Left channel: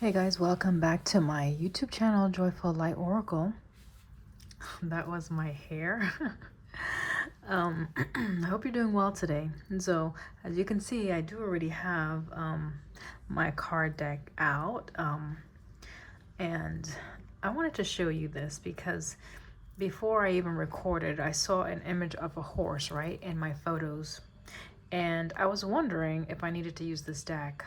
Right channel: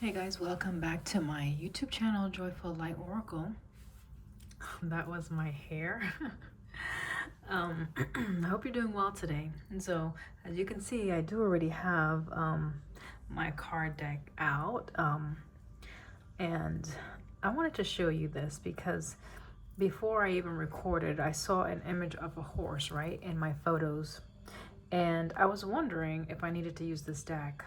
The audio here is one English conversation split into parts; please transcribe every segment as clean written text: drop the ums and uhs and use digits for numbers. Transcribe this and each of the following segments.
Hey guys, welcome back to my YouTube channel, Joyful Light Oracle. That was my hair. I hope you're doing well today. And so, as you can see, I do already have my card deck out. And I wanted to show you this because before I even recorded, I saw an image of a horse, right, in my photos. And I was wondering if I needed to use this deck.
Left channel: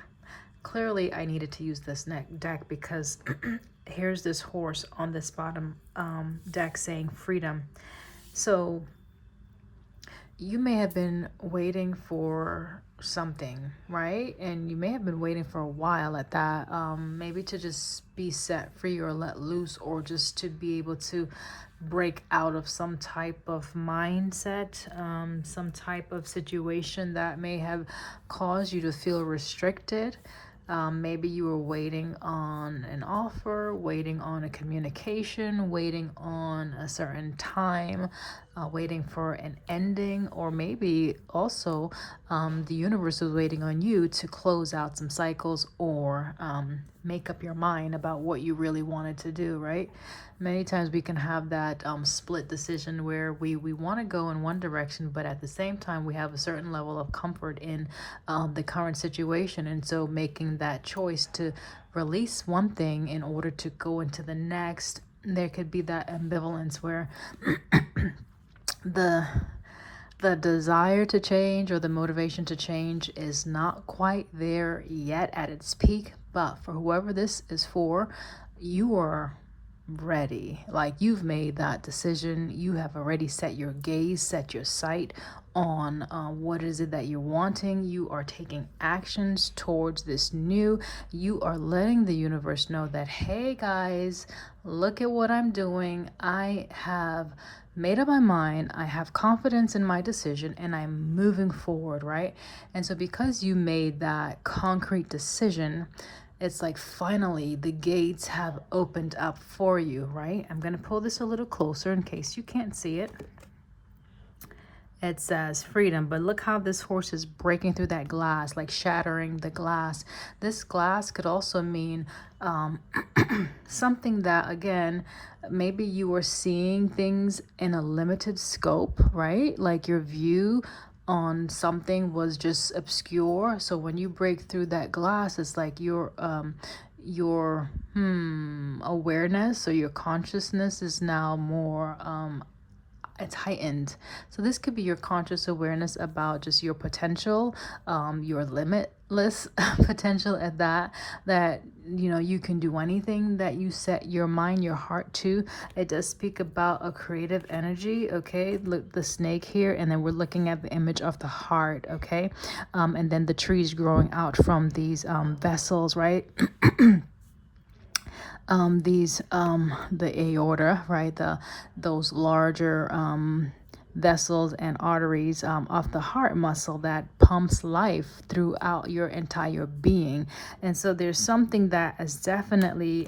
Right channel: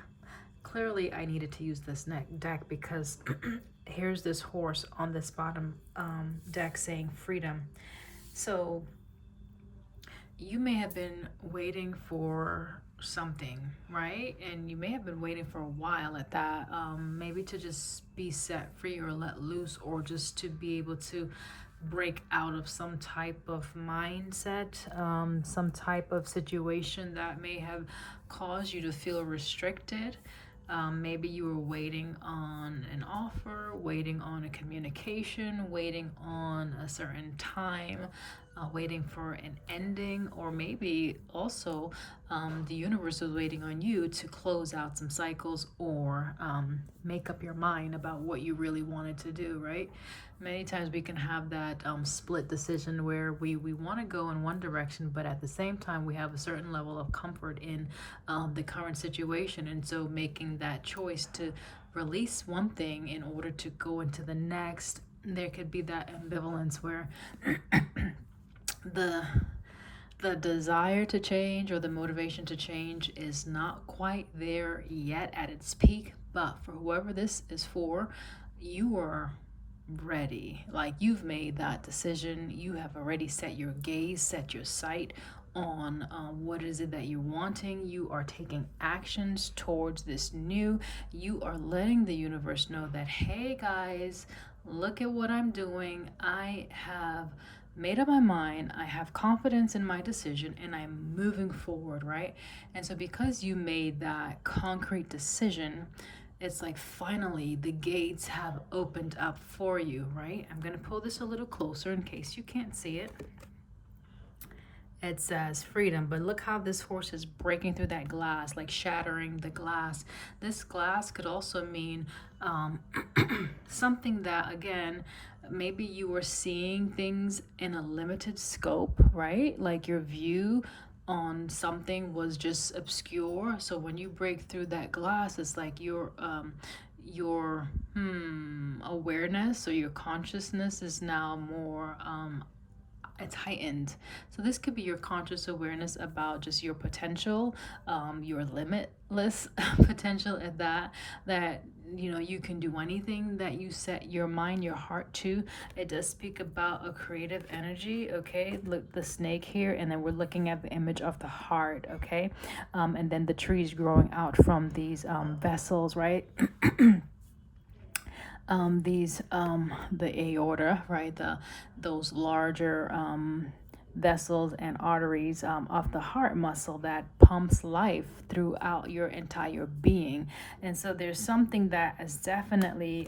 Clearly, I needed to use this deck because here's this horse on this bottom deck saying freedom. So you may have been waiting for something, right? And you may have been waiting for a while at that, maybe to just be set free or let loose, or just to be able to break out of some type of mindset, some type of situation that may have caused you to feel restricted. Maybe you were waiting on an offer, waiting on a communication, waiting on a certain time, waiting for an ending, or maybe also the universe was waiting on you to close out some cycles, or make up your mind about what you really wanted to do, right? Many times we can have that split decision where we want to go in one direction, but at the same time we have a certain level of comfort in the current situation. And so making that choice to release one thing in order to go into the next, there could be that ambivalence where the desire to change or the motivation to change is not quite there yet at its peak. But for whoever this is for, you are ready. Like, you've made that decision. You have already set your gaze, set your sight on what is it that you're wanting. You are taking actions towards this new. You are letting the universe know that, hey guys, look at what I'm doing. I have made up my mind, I have confidence in my decision, and I'm moving forward, right? And so because you made that concrete decision, it's like finally the gates have opened up for you, right? I'm going to pull this a little closer in case you can't see it. It says freedom, but look how this horse is breaking through that glass, like shattering the glass. This glass could also mean something that, again, maybe you were seeing things in a limited scope, right? Like your view on something was just obscure. So when you break through that glass, it's like your awareness or your consciousness is now more it's heightened. So this could be your conscious awareness about just your potential, your limitless potential at that you know you can do anything that you set your mind, your heart to. It does speak about a creative energy. Okay, look, the snake here, and then we're looking at the image of the heart. Okay, and then the trees growing out from these vessels, right? The aorta, right, those larger vessels and arteries of the heart muscle that pumps life throughout your entire being. And so there's something that is definitely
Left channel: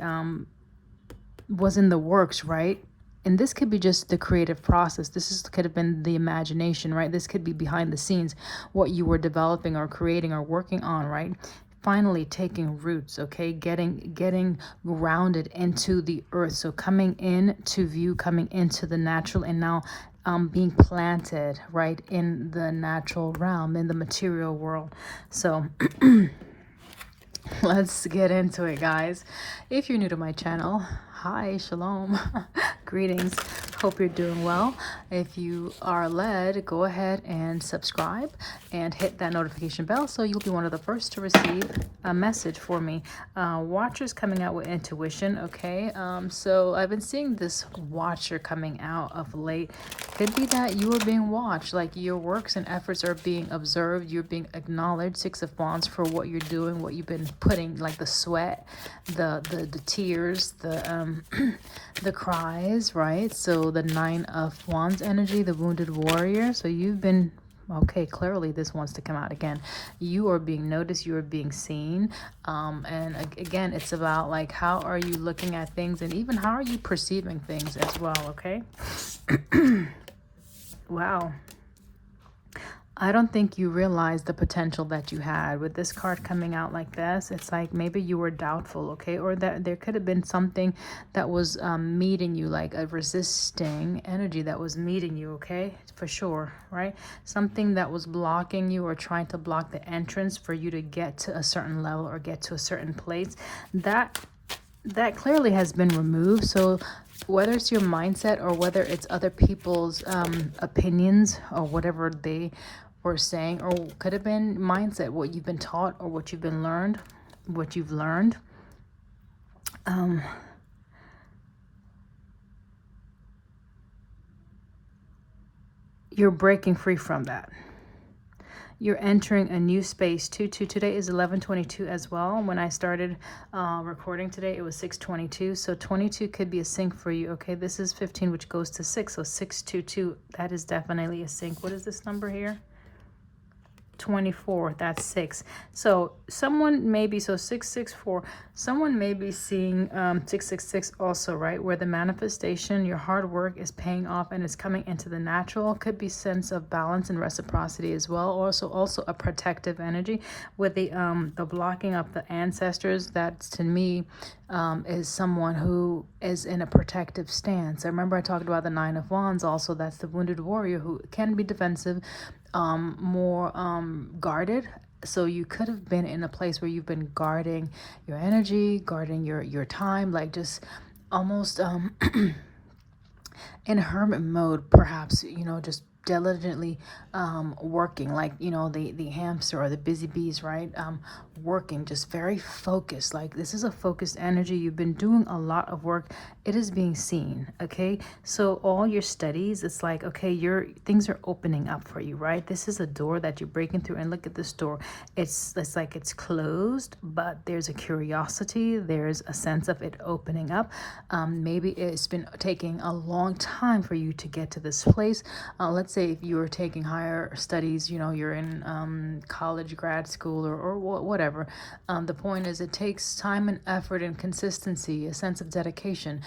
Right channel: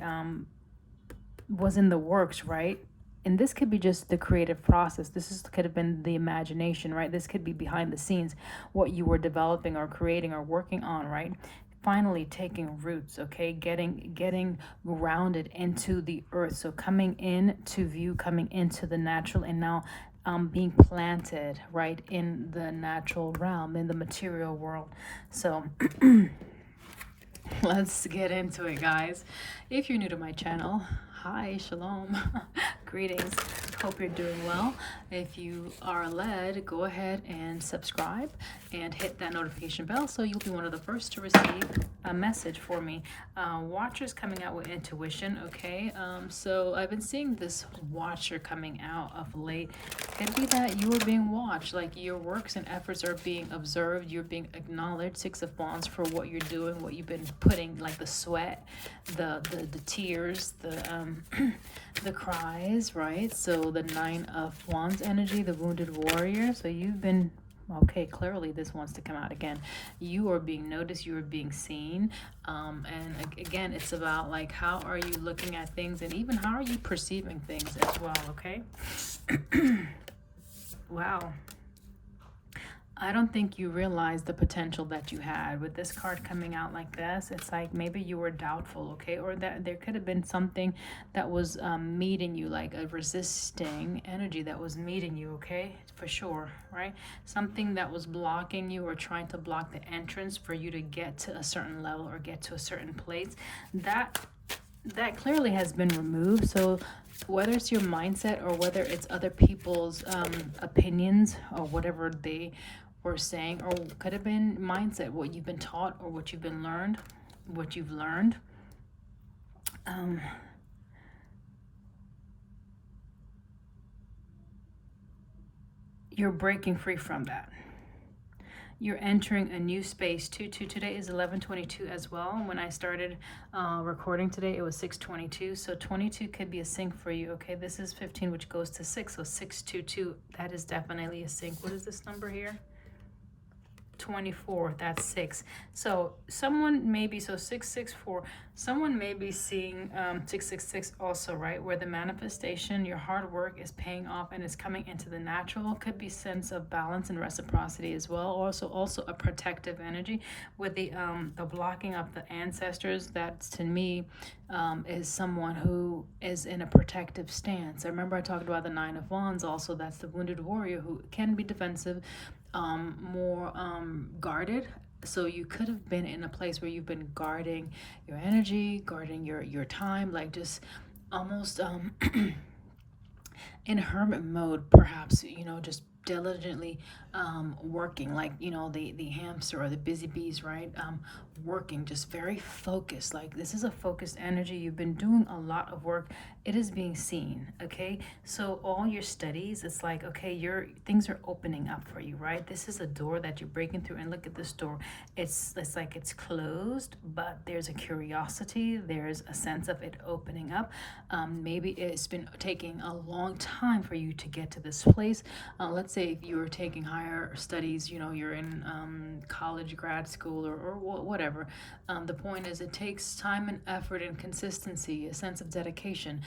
was in the works, right? And this could be just the creative process. Could have been the imagination, right? This could be behind the scenes, what you were developing or creating or working on, right? Finally taking roots, okay, getting grounded into the earth. So coming into view, coming into the natural, and now being planted right in the natural realm, in the material world. So let's get into it, guys. If you're new to my channel, hi, shalom, greetings. Hope you're doing well. If you are led, go ahead and subscribe and hit that notification bell so you'll be one of the first to receive a message for me. Watchers coming out with intuition, okay? So I've been seeing this watcher coming out of late. Could be that you are being watched, like your works and efforts are being observed, you're being acknowledged. Six of Wands for what you're doing, what you've been putting, like the sweat, the tears, the the cries, right? So the Nine of Wands energy, the wounded warrior. So you've been, okay, clearly this wants to come out again. You are being noticed, you are being seen. And again, it's about like, how are you looking at things, and even how are you perceiving things as well, okay? Wow. I don't think you realized the potential that you had with this card coming out like this. It's like maybe you were doubtful, okay? Or that there could have been something that was meeting you, like a resisting energy that was meeting you, okay? For sure, right? Something that was blocking you or trying to block the entrance for you to get to a certain level or get to a certain place. That clearly has been removed. So whether it's your mindset or whether it's other people's opinions or whatever they were saying, or could have been mindset, what you've been taught or what you've learned, you're breaking free from that. You're entering a new space. Today is 11:22 as well. When I started recording today, it was 6:22. So 22 could be a sync for you. Okay, this is 15, which goes to 6. So 622, that is definitely a sync. What is this number here? 24, that's 6. So someone may be, so 664, someone may be seeing 666 also, right, where the manifestation, your hard work is paying off and is coming into the natural. Could be sense of balance and reciprocity as well. Also a protective energy with the blocking of the ancestors. That to me is someone who is in a protective stance. I remember I talked about the 9 of Wands also. That's the wounded warrior who can be defensive, more guarded. So you could have been in a place where you've been guarding your energy, guarding your time, like just almost in hermit mode, perhaps, just diligently working, like, the hamster or the busy bees, right? Working, just very focused. Like, this is a focused energy. You've been doing a lot of work. It is being seen, okay? So all your studies, it's like, okay, things are opening up for you, right? This is a door that you're breaking through, and look at this door. It's like it's closed, but there's a curiosity. There's a sense of it opening up. Maybe it's been taking a long time for you to get to this place. Let's say if you were taking higher studies, you're in college, grad school, or whatever. The point is, it takes time and effort and consistency, a sense of dedication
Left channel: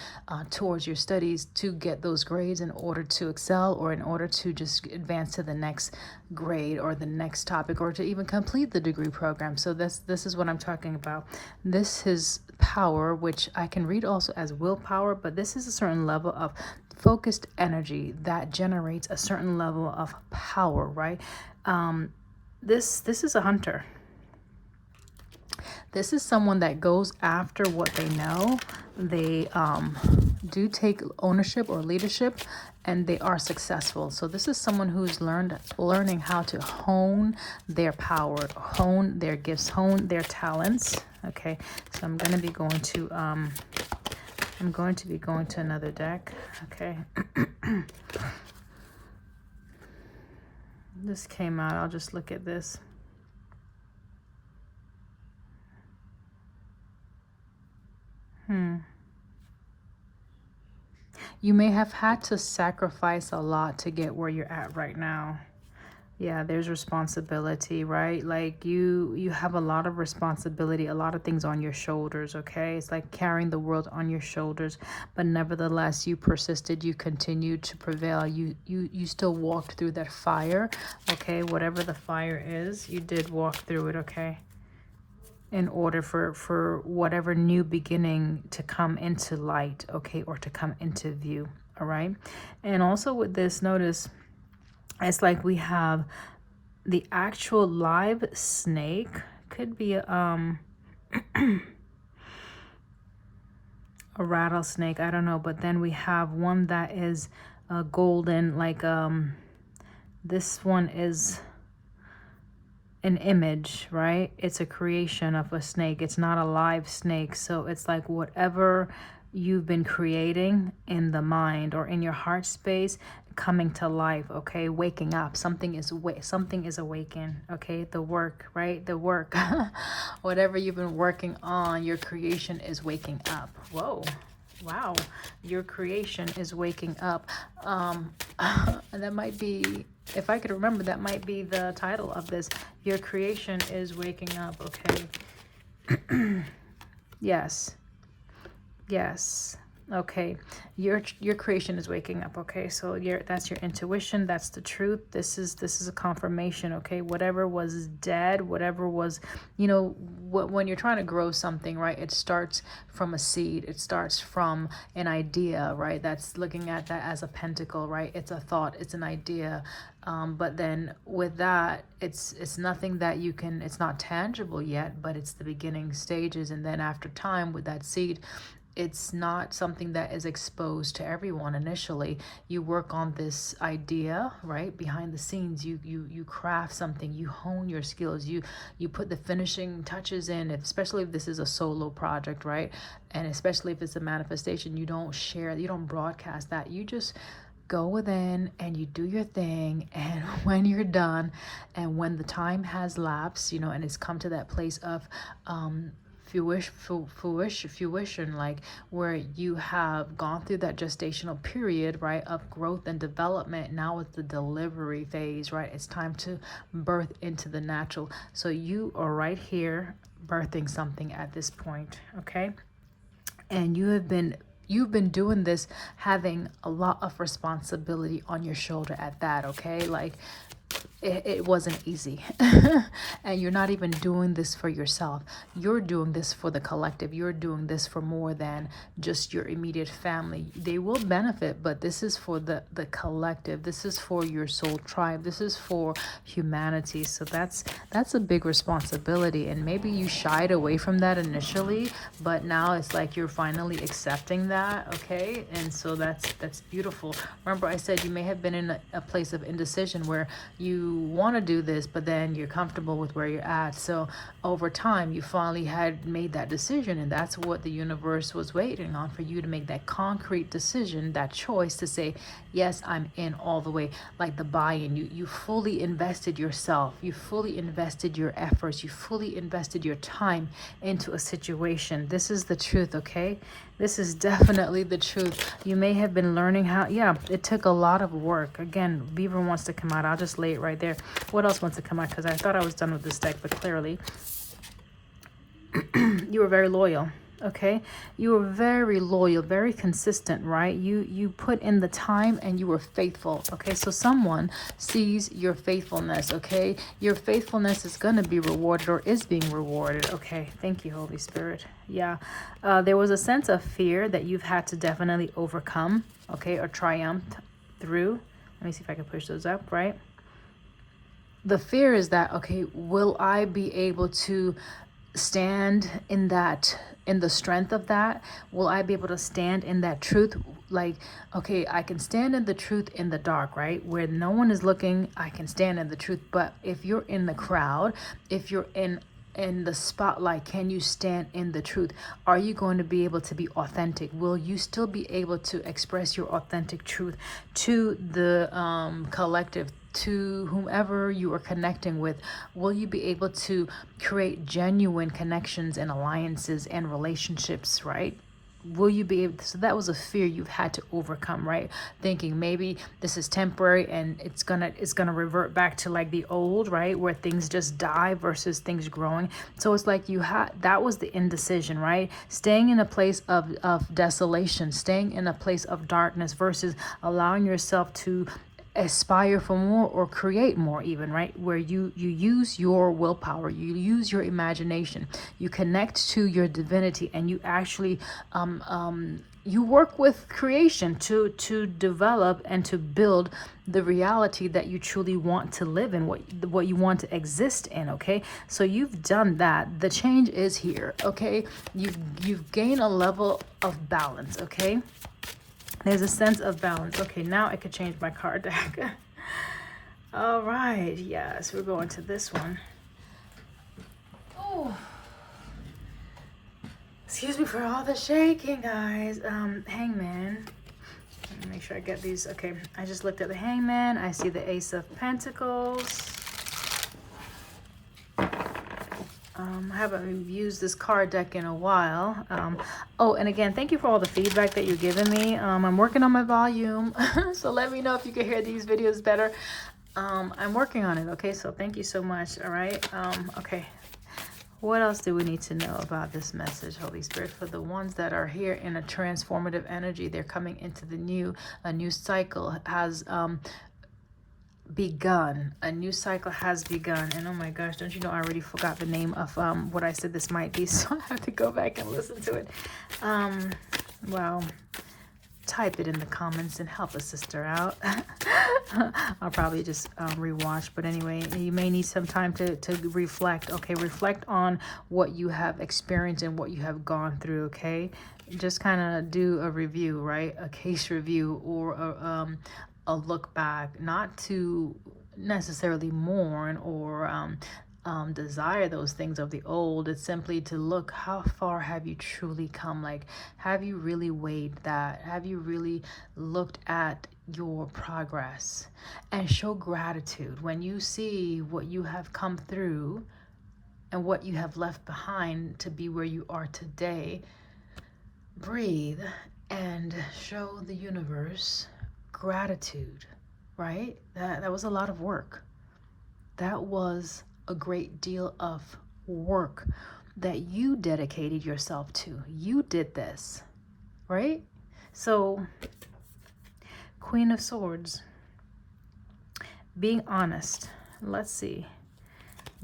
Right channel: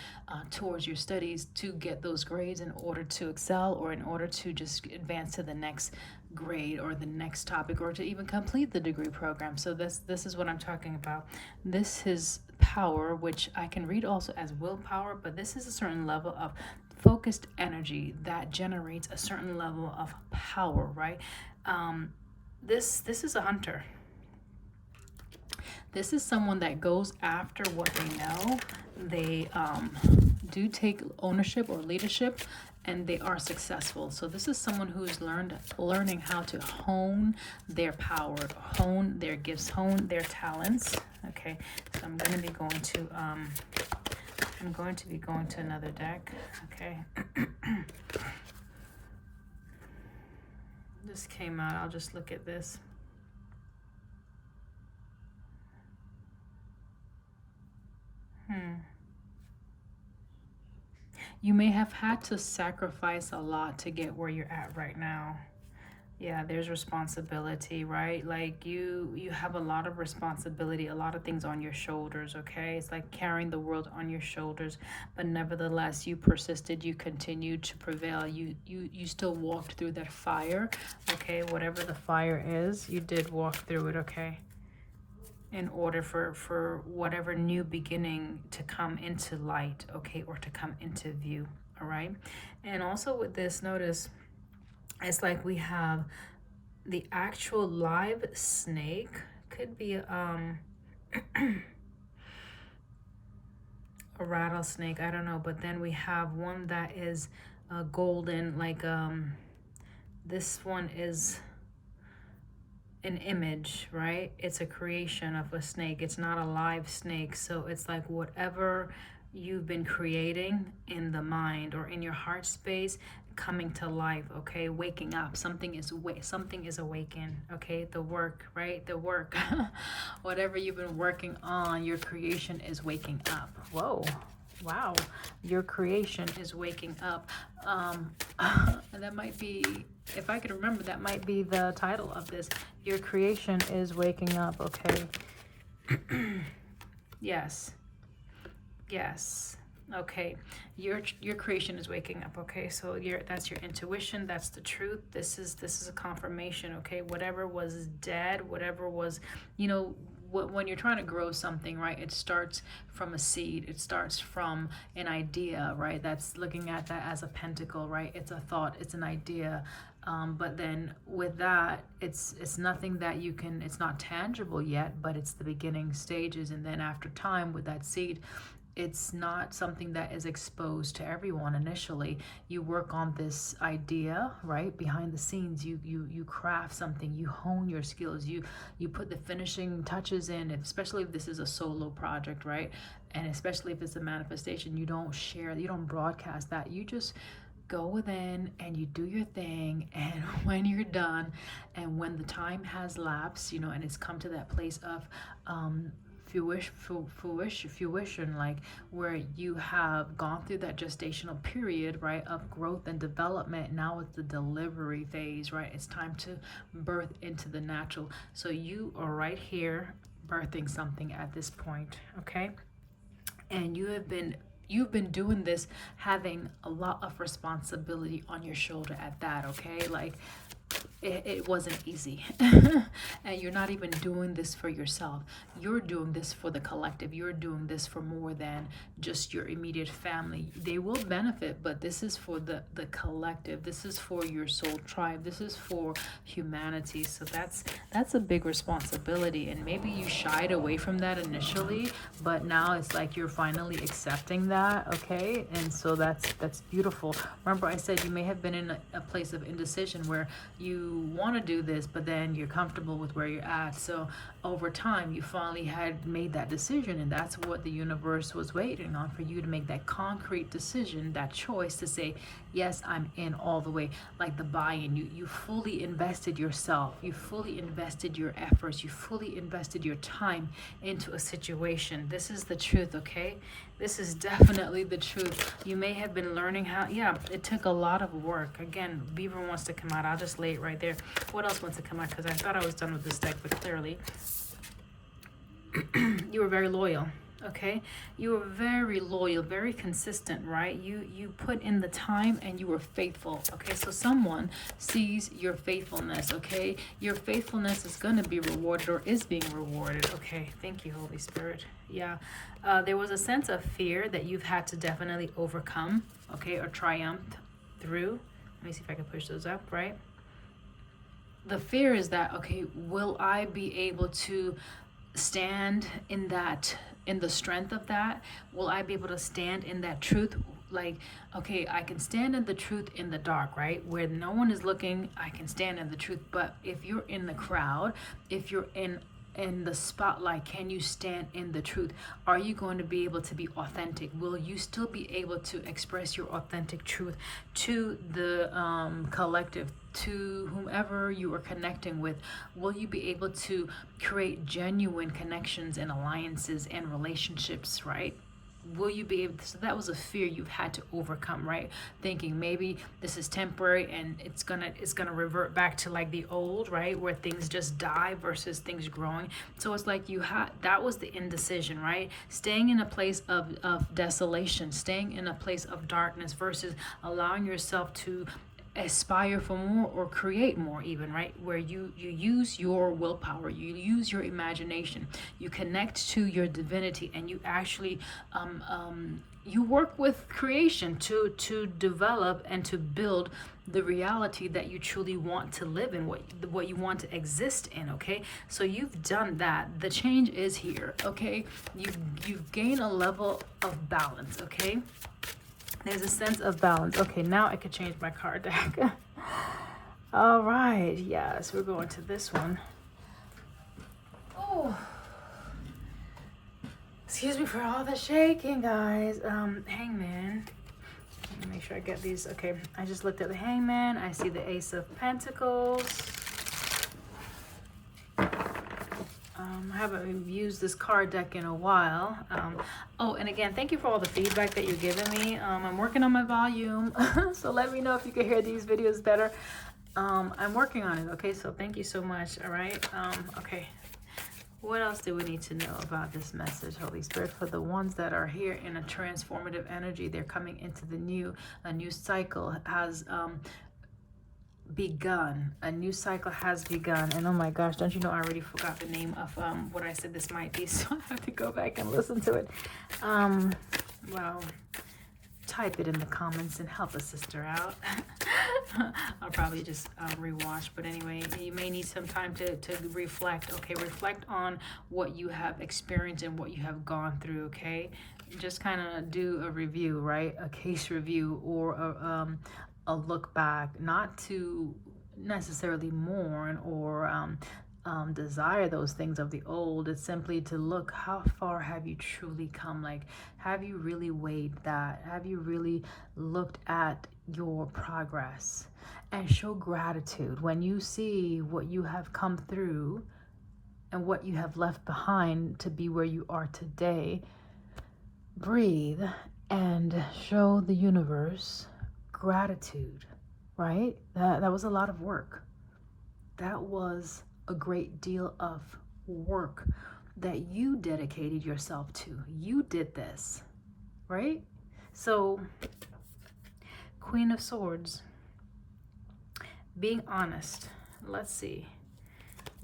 towards your studies to get those grades in order to excel, or in order to just advance to the next grade or the next topic, or to even complete the degree program. So this is what I'm talking about. This is power, which I can read also as willpower, but this is a certain level of focused energy that generates a certain level of power, right? This is a hunter. This is someone that goes after what they know. They do take ownership or leadership, and they are successful. So this is someone who's learning how to hone their power, hone their gifts, hone their talents. Okay, so I'm going to be going to another deck. Okay. This came out. I'll just look at this. You may have had to sacrifice a lot to get where you're at right now. Yeah, there's responsibility, right? Like you have a lot of responsibility, a lot of things on your shoulders, okay? It's like carrying the world on your shoulders, but nevertheless, you persisted, you continued to prevail. You still walked through that fire, okay? Whatever the fire is, you did walk through it, okay? In order for whatever new beginning to come into light, okay, or to come into view, all right? And also with this, notice it's like we have the actual live snake, could be a rattlesnake, I don't know, but then we have one that is golden, like this one is an image, right? It's a creation of a snake. It's not a live snake. So it's like whatever you've been creating in the mind or in your heart space coming to life, okay? Waking up. Something is awakened, okay? The work, right? The work. Whatever you've been working on, your creation is waking up. Whoa. Wow, your creation is waking up. And that might be, if I could remember, that might be the title of this. Your creation is waking up, okay? Yes. Okay, your creation is waking up. Okay, so that's your intuition, that's the truth. This is a confirmation. Okay, whatever was dead, whatever was, you know, when you're trying to grow something, right, it starts from a seed, it starts from an idea, right? That's looking at that as a pentacle, right? It's a thought, it's an idea. But then with that, it's nothing that you can, it's not tangible yet, but it's the beginning stages. And then after time with that seed, it's not something that is exposed to everyone initially. You work on this idea, right? Behind the scenes, you craft something, you hone your skills, you put the finishing touches in, especially if this is a solo project, right? And especially if it's a manifestation, you don't share, you don't broadcast that. You just go within and you do your thing, and when you're done and when the time has lapsed, you know, and it's come to that place of fruition, like where you have gone through that gestational period, right, of growth and development. Now it's the delivery phase, right? It's time to birth into the natural. So you are right here birthing something at this point, okay? And you've been doing this having a lot of responsibility on your shoulder at that, okay? Like it wasn't easy. And you're not even doing this for yourself, you're doing this for the collective, you're doing this for more than just your immediate family. They will benefit, but this is for the collective, this is for your soul tribe, this is for humanity. So that's a big responsibility, and maybe you shied away from that initially, but now it's like you're finally accepting that, okay? And so that's beautiful. Remember, I said you may have been in a place of indecision where you want to do this, but then you're comfortable with where you're at. So over time, you finally had made that decision, and that's what the universe was waiting on, for you to make that concrete decision, that choice to say, yes, I'm in all the way. Like the buy-in, you fully invested yourself, you fully invested your efforts, you fully invested your time into a situation. This is the truth, okay? This is definitely the truth. You may have been learning how, yeah, it took a lot of work. Again, Beaver wants to come out. I'll just lay it right there. What else wants to come out? Because I thought I was done with this deck, but clearly you were very loyal. Okay, you were very loyal, very consistent, right? You put in the time and you were faithful. Okay, so someone sees your faithfulness. Okay, your faithfulness is going to be rewarded, or is being rewarded. Okay, thank you, Holy Spirit. Yeah, there was a sense of fear that you've had to definitely overcome, okay, or triumph through. Let me see if I can push those up, right? The fear is that, okay, will I be able to stand in that, in the strength of that? Will I be able to stand in that truth? Like, okay, I can stand in the truth in the dark, right? Where no one is looking, I can stand in the truth. But if you're in the crowd, if you're in the spotlight, can you stand in the truth? Are you going to be able to be authentic? Will you still be able to express your authentic truth to the collective, to whomever you are connecting with? Will you be able to create genuine connections and alliances and relationships, right? Will you be able to? So that was a fear you've had to overcome, right? Thinking maybe this is temporary and it's gonna revert back to like the old, right, where things just die versus things growing. So it's like you had, that was the indecision, right? Staying in a place of desolation, staying in a place of darkness versus allowing yourself to aspire for more or create more, even, right? Where you use your willpower, you use your imagination, you connect to your divinity, and you actually you work with creation to develop and to build the reality that you truly want to live in, what you want to exist in. Okay, so you've done that. The change is here. Okay, you've gained a level of balance. Okay, there's a sense of balance. Okay, now I could change my card deck. All right, yes, we're going to this one. Oh, excuse me for all the shaking, guys. Hangman. Let me make sure I get these. Okay, I just looked at the Hangman. I see the Ace of Pentacles. I haven't used this card deck in a while. Oh, and again, thank you for all the feedback that you're giving me. I'm working on my volume, so let me know if you can hear these videos better. I'm working on it, okay? So thank you so much, all right? Okay, What else do we need to know about this message, Holy Spirit? For the ones that are here in a transformative energy, they're coming into the new. A new cycle has begun. A new cycle has begun. And oh my gosh, don't you know I already forgot the name of what I said this might be, so I have to go back and listen to it. Well, type it in the comments and help a sister out. I'll probably just rewatch, but anyway, you may need some time to reflect. Okay, reflect on what you have experienced and what you have gone through. Okay, just kind of do a review, right? A case review or a look back, not to necessarily mourn or desire those things of the old. It's simply to look, how far have you truly come? Like, have you really weighed that? Have you really looked at your progress? And show gratitude when you see what you have come through and what you have left behind to be where you are today. Breathe and show the universe gratitude, right? That was a lot of work. That was a great deal of work that you dedicated yourself to. You did this, right? So, Queen of Swords, being honest. Let's see.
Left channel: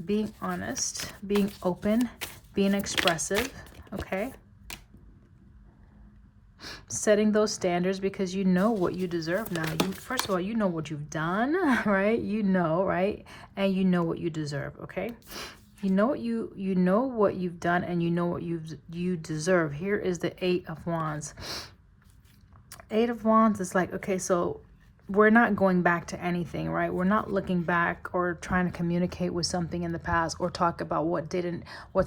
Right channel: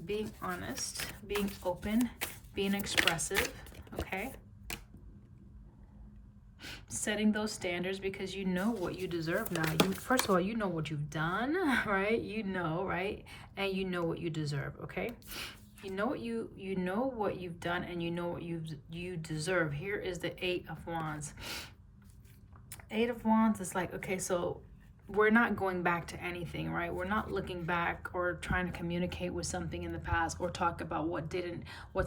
Being honest, being open, being expressive, okay? Setting those standards because you know what you deserve now. First of all, you know what you've done, right? You know, right? And you know what you deserve, okay? You know what you've done, and you know what you deserve. Here is the 8 of Wands. 8 of Wands is like, okay, so we're not going back to anything, right? We're not looking back or trying to communicate with something in the past or talk about what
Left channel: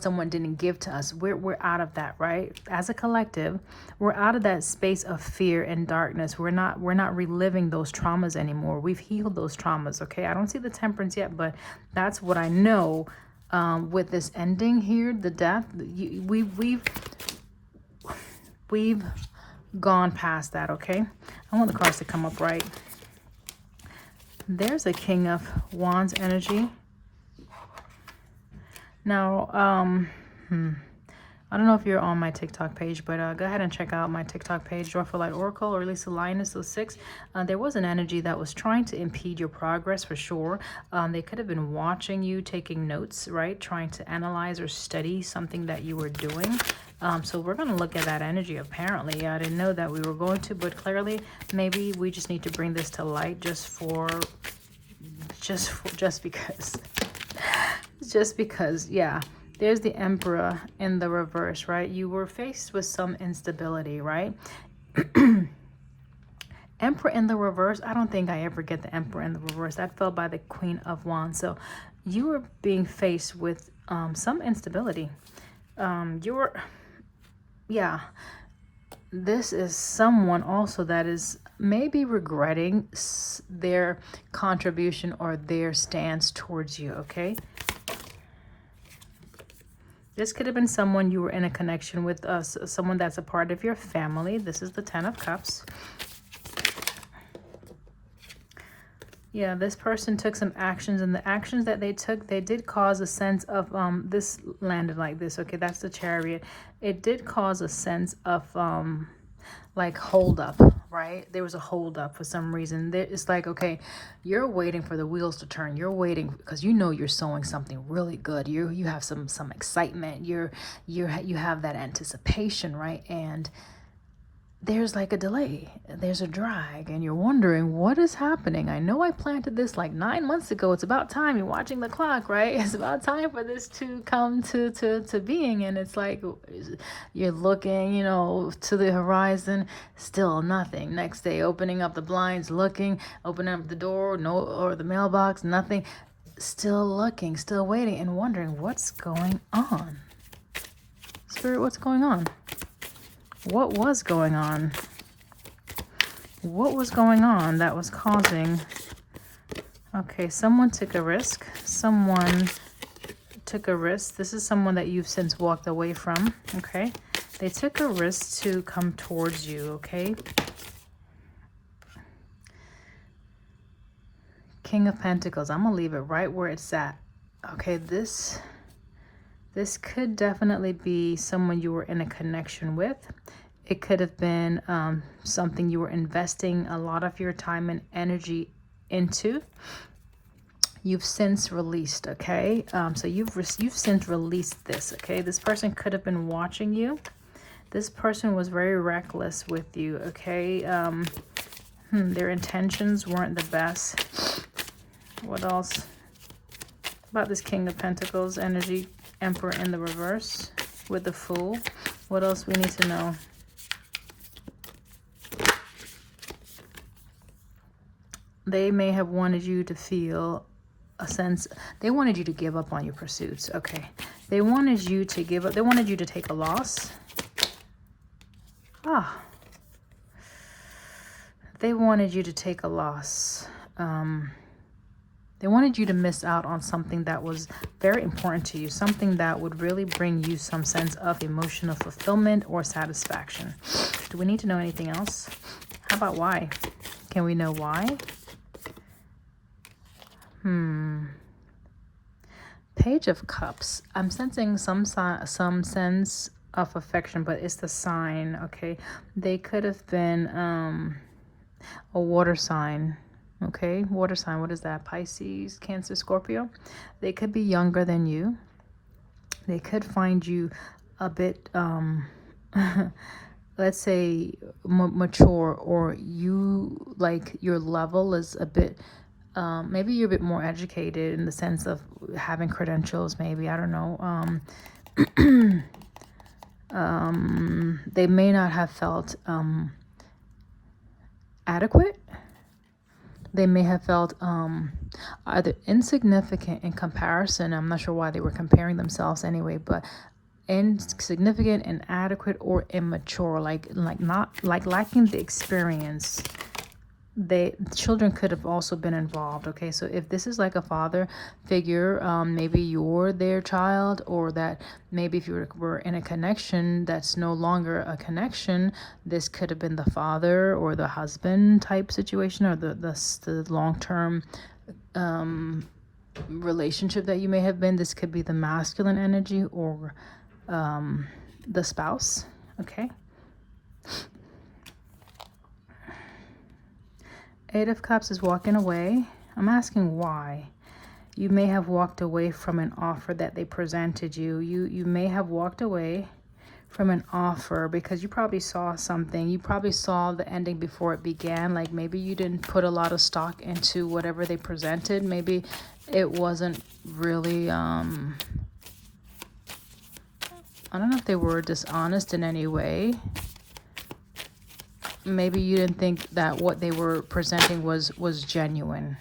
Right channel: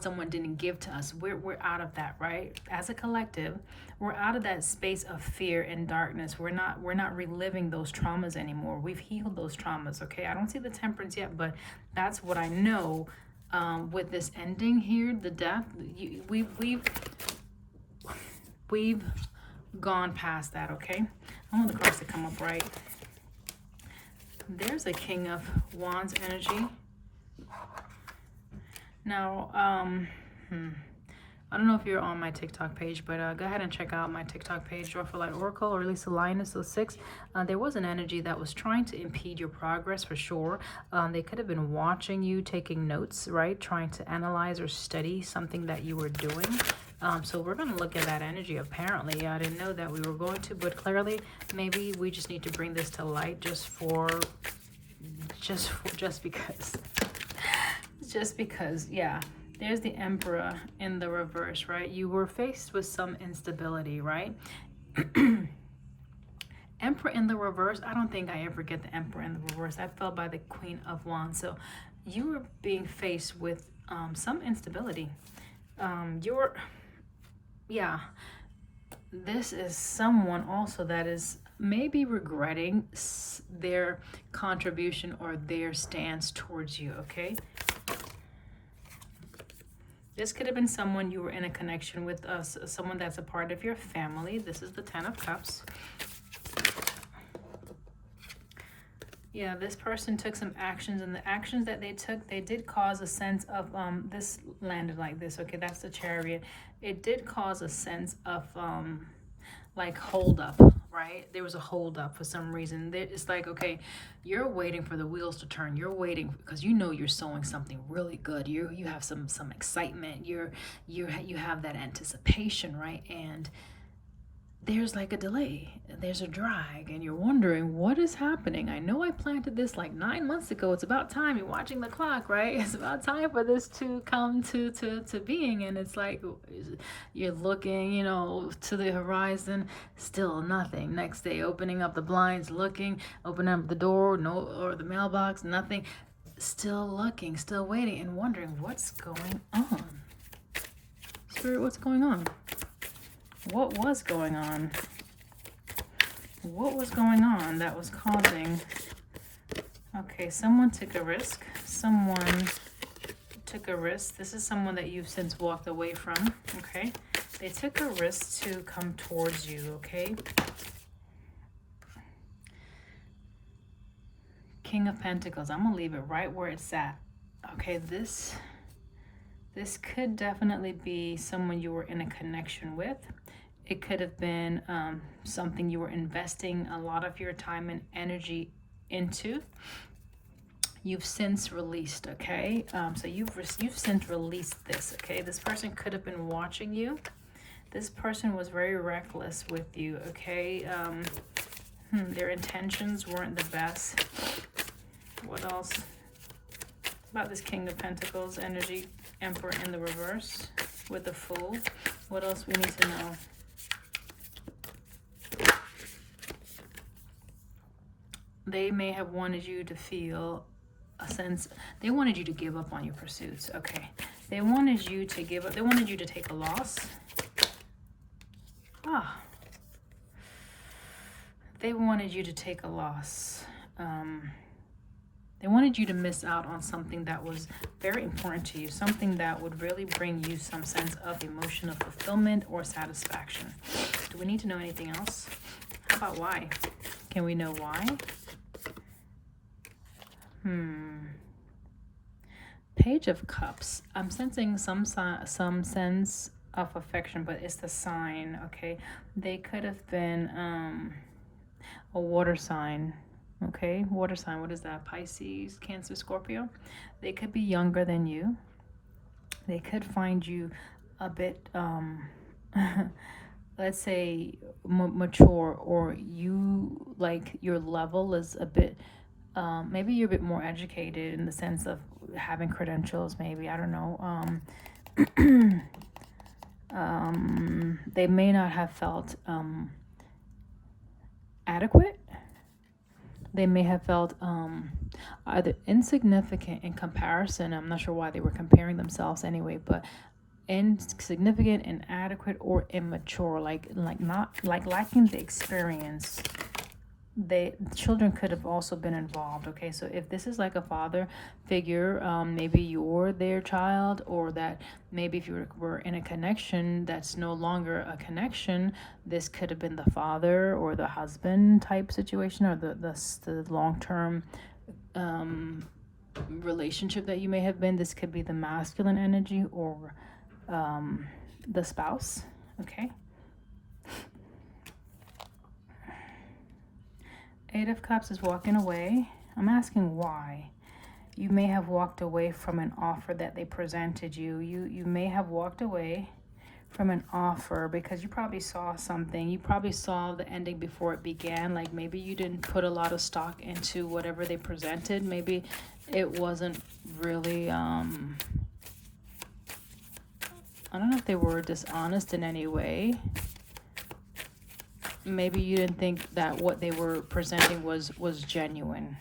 someone didn't give to us. We're out of that, right? As a collective, we're out of that space of fear and darkness. We're not reliving those traumas anymore. We've healed those traumas, okay? I don't see the Temperance yet, but that's what I know with this ending here, the death. We've gone past that, okay? I want the cards to come up right. There's a King of Wands energy. Now, I don't know if you're on my TikTok page, but go ahead and check out my TikTok page, Joyful Light Oracle, or at least Lioness 06. There was an energy that was trying to impede your progress for sure. They could have been watching you, taking notes, right? Trying to analyze or study something that you were doing. So we're going to look at that energy. Apparently, I didn't know that we were going to, but clearly maybe we just need to bring this to light just because, yeah. There's the Emperor in the reverse, right? You were faced with some instability, right? Emperor in the reverse, I don't think I ever get the Emperor in the reverse. That fell by the Queen of Wands. So you were being faced with some instability. This is someone also that is maybe regretting their contribution or their stance towards you, okay? This could have been someone you were in a connection with, someone that's a part of your family. This is the 10 of Cups. Yeah, this person took some actions, and the actions that they took, they did cause a sense of, this landed like this, okay? That's the Chariot. It did cause a sense of, like, hold up, right? There was a hold up for some reason. It's like, okay, you're waiting for the wheels to turn. You're waiting because you know you're sowing something really good. You have some excitement. You have that anticipation, right? And there's like a delay, there's a drag, and you're wondering what is happening. I know I planted this like 9 months ago. It's about time. You're watching the clock, right? It's about time for this to come to being. And it's like you're looking, you know, to the horizon, still nothing. Next day, opening up the blinds, looking, opening up the door, or the mailbox, nothing. Still looking, still waiting, and wondering what's going on. Spirit, what's going on? What was going on? What was going on that was causing? Okay, someone took a risk. Someone took a risk. This is someone that you've since walked away from, okay? They took a risk to come towards you, okay? King of Pentacles. I'm going to leave it right where it's at. Okay, this This could definitely be someone you were in a connection with. It could have been something you were investing a lot of your time and energy into. You've since released, okay? So you've since released this, okay? This person could have been watching you. This person was very reckless with you, okay? Their intentions weren't the best. What else about this King of Pentacles energy? Emperor in the reverse with the Fool. What else we need to know? They may have wanted you to feel a sense, they wanted you to give up on your pursuits, okay? They wanted you to give up, they wanted you to take a loss. They wanted you to take a loss. They wanted you to miss out on something that was very important to you, something that would really bring you some sense of emotional fulfillment or satisfaction. Do we need to know anything else? How about why? Can we know why? Page of Cups. I'm sensing some sense of affection, but it's the sign, okay? They could have been a water sign, okay? Water sign, what is that? Pisces, Cancer, Scorpio. They could be younger than you. They could find you a bit, let's say, mature, or you, like, your level is a bit, maybe you're a bit more educated in the sense of having credentials, maybe, I don't know. They may not have felt adequate. They may have felt either insignificant in comparison. I'm not sure why they were comparing themselves anyway, but insignificant, inadequate, or immature, like lacking the experience. Children could have also been involved, okay? So if this is like a father figure, maybe you're their child, or that maybe if you were in a connection that's no longer a connection, this could have been the father or the husband type situation, or the long-term relationship that you may have been. This could be the masculine energy, or the spouse, okay? Eight of Cups is walking away. I'm asking why. You may have walked away from an offer that they presented you. You may have walked away from an offer because you probably saw something. You probably saw the ending before it began. Like maybe you didn't put a lot of stock into whatever they presented. Maybe it wasn't really, I don't know if they were dishonest in any way. Maybe you didn't think that what they were presenting was genuine.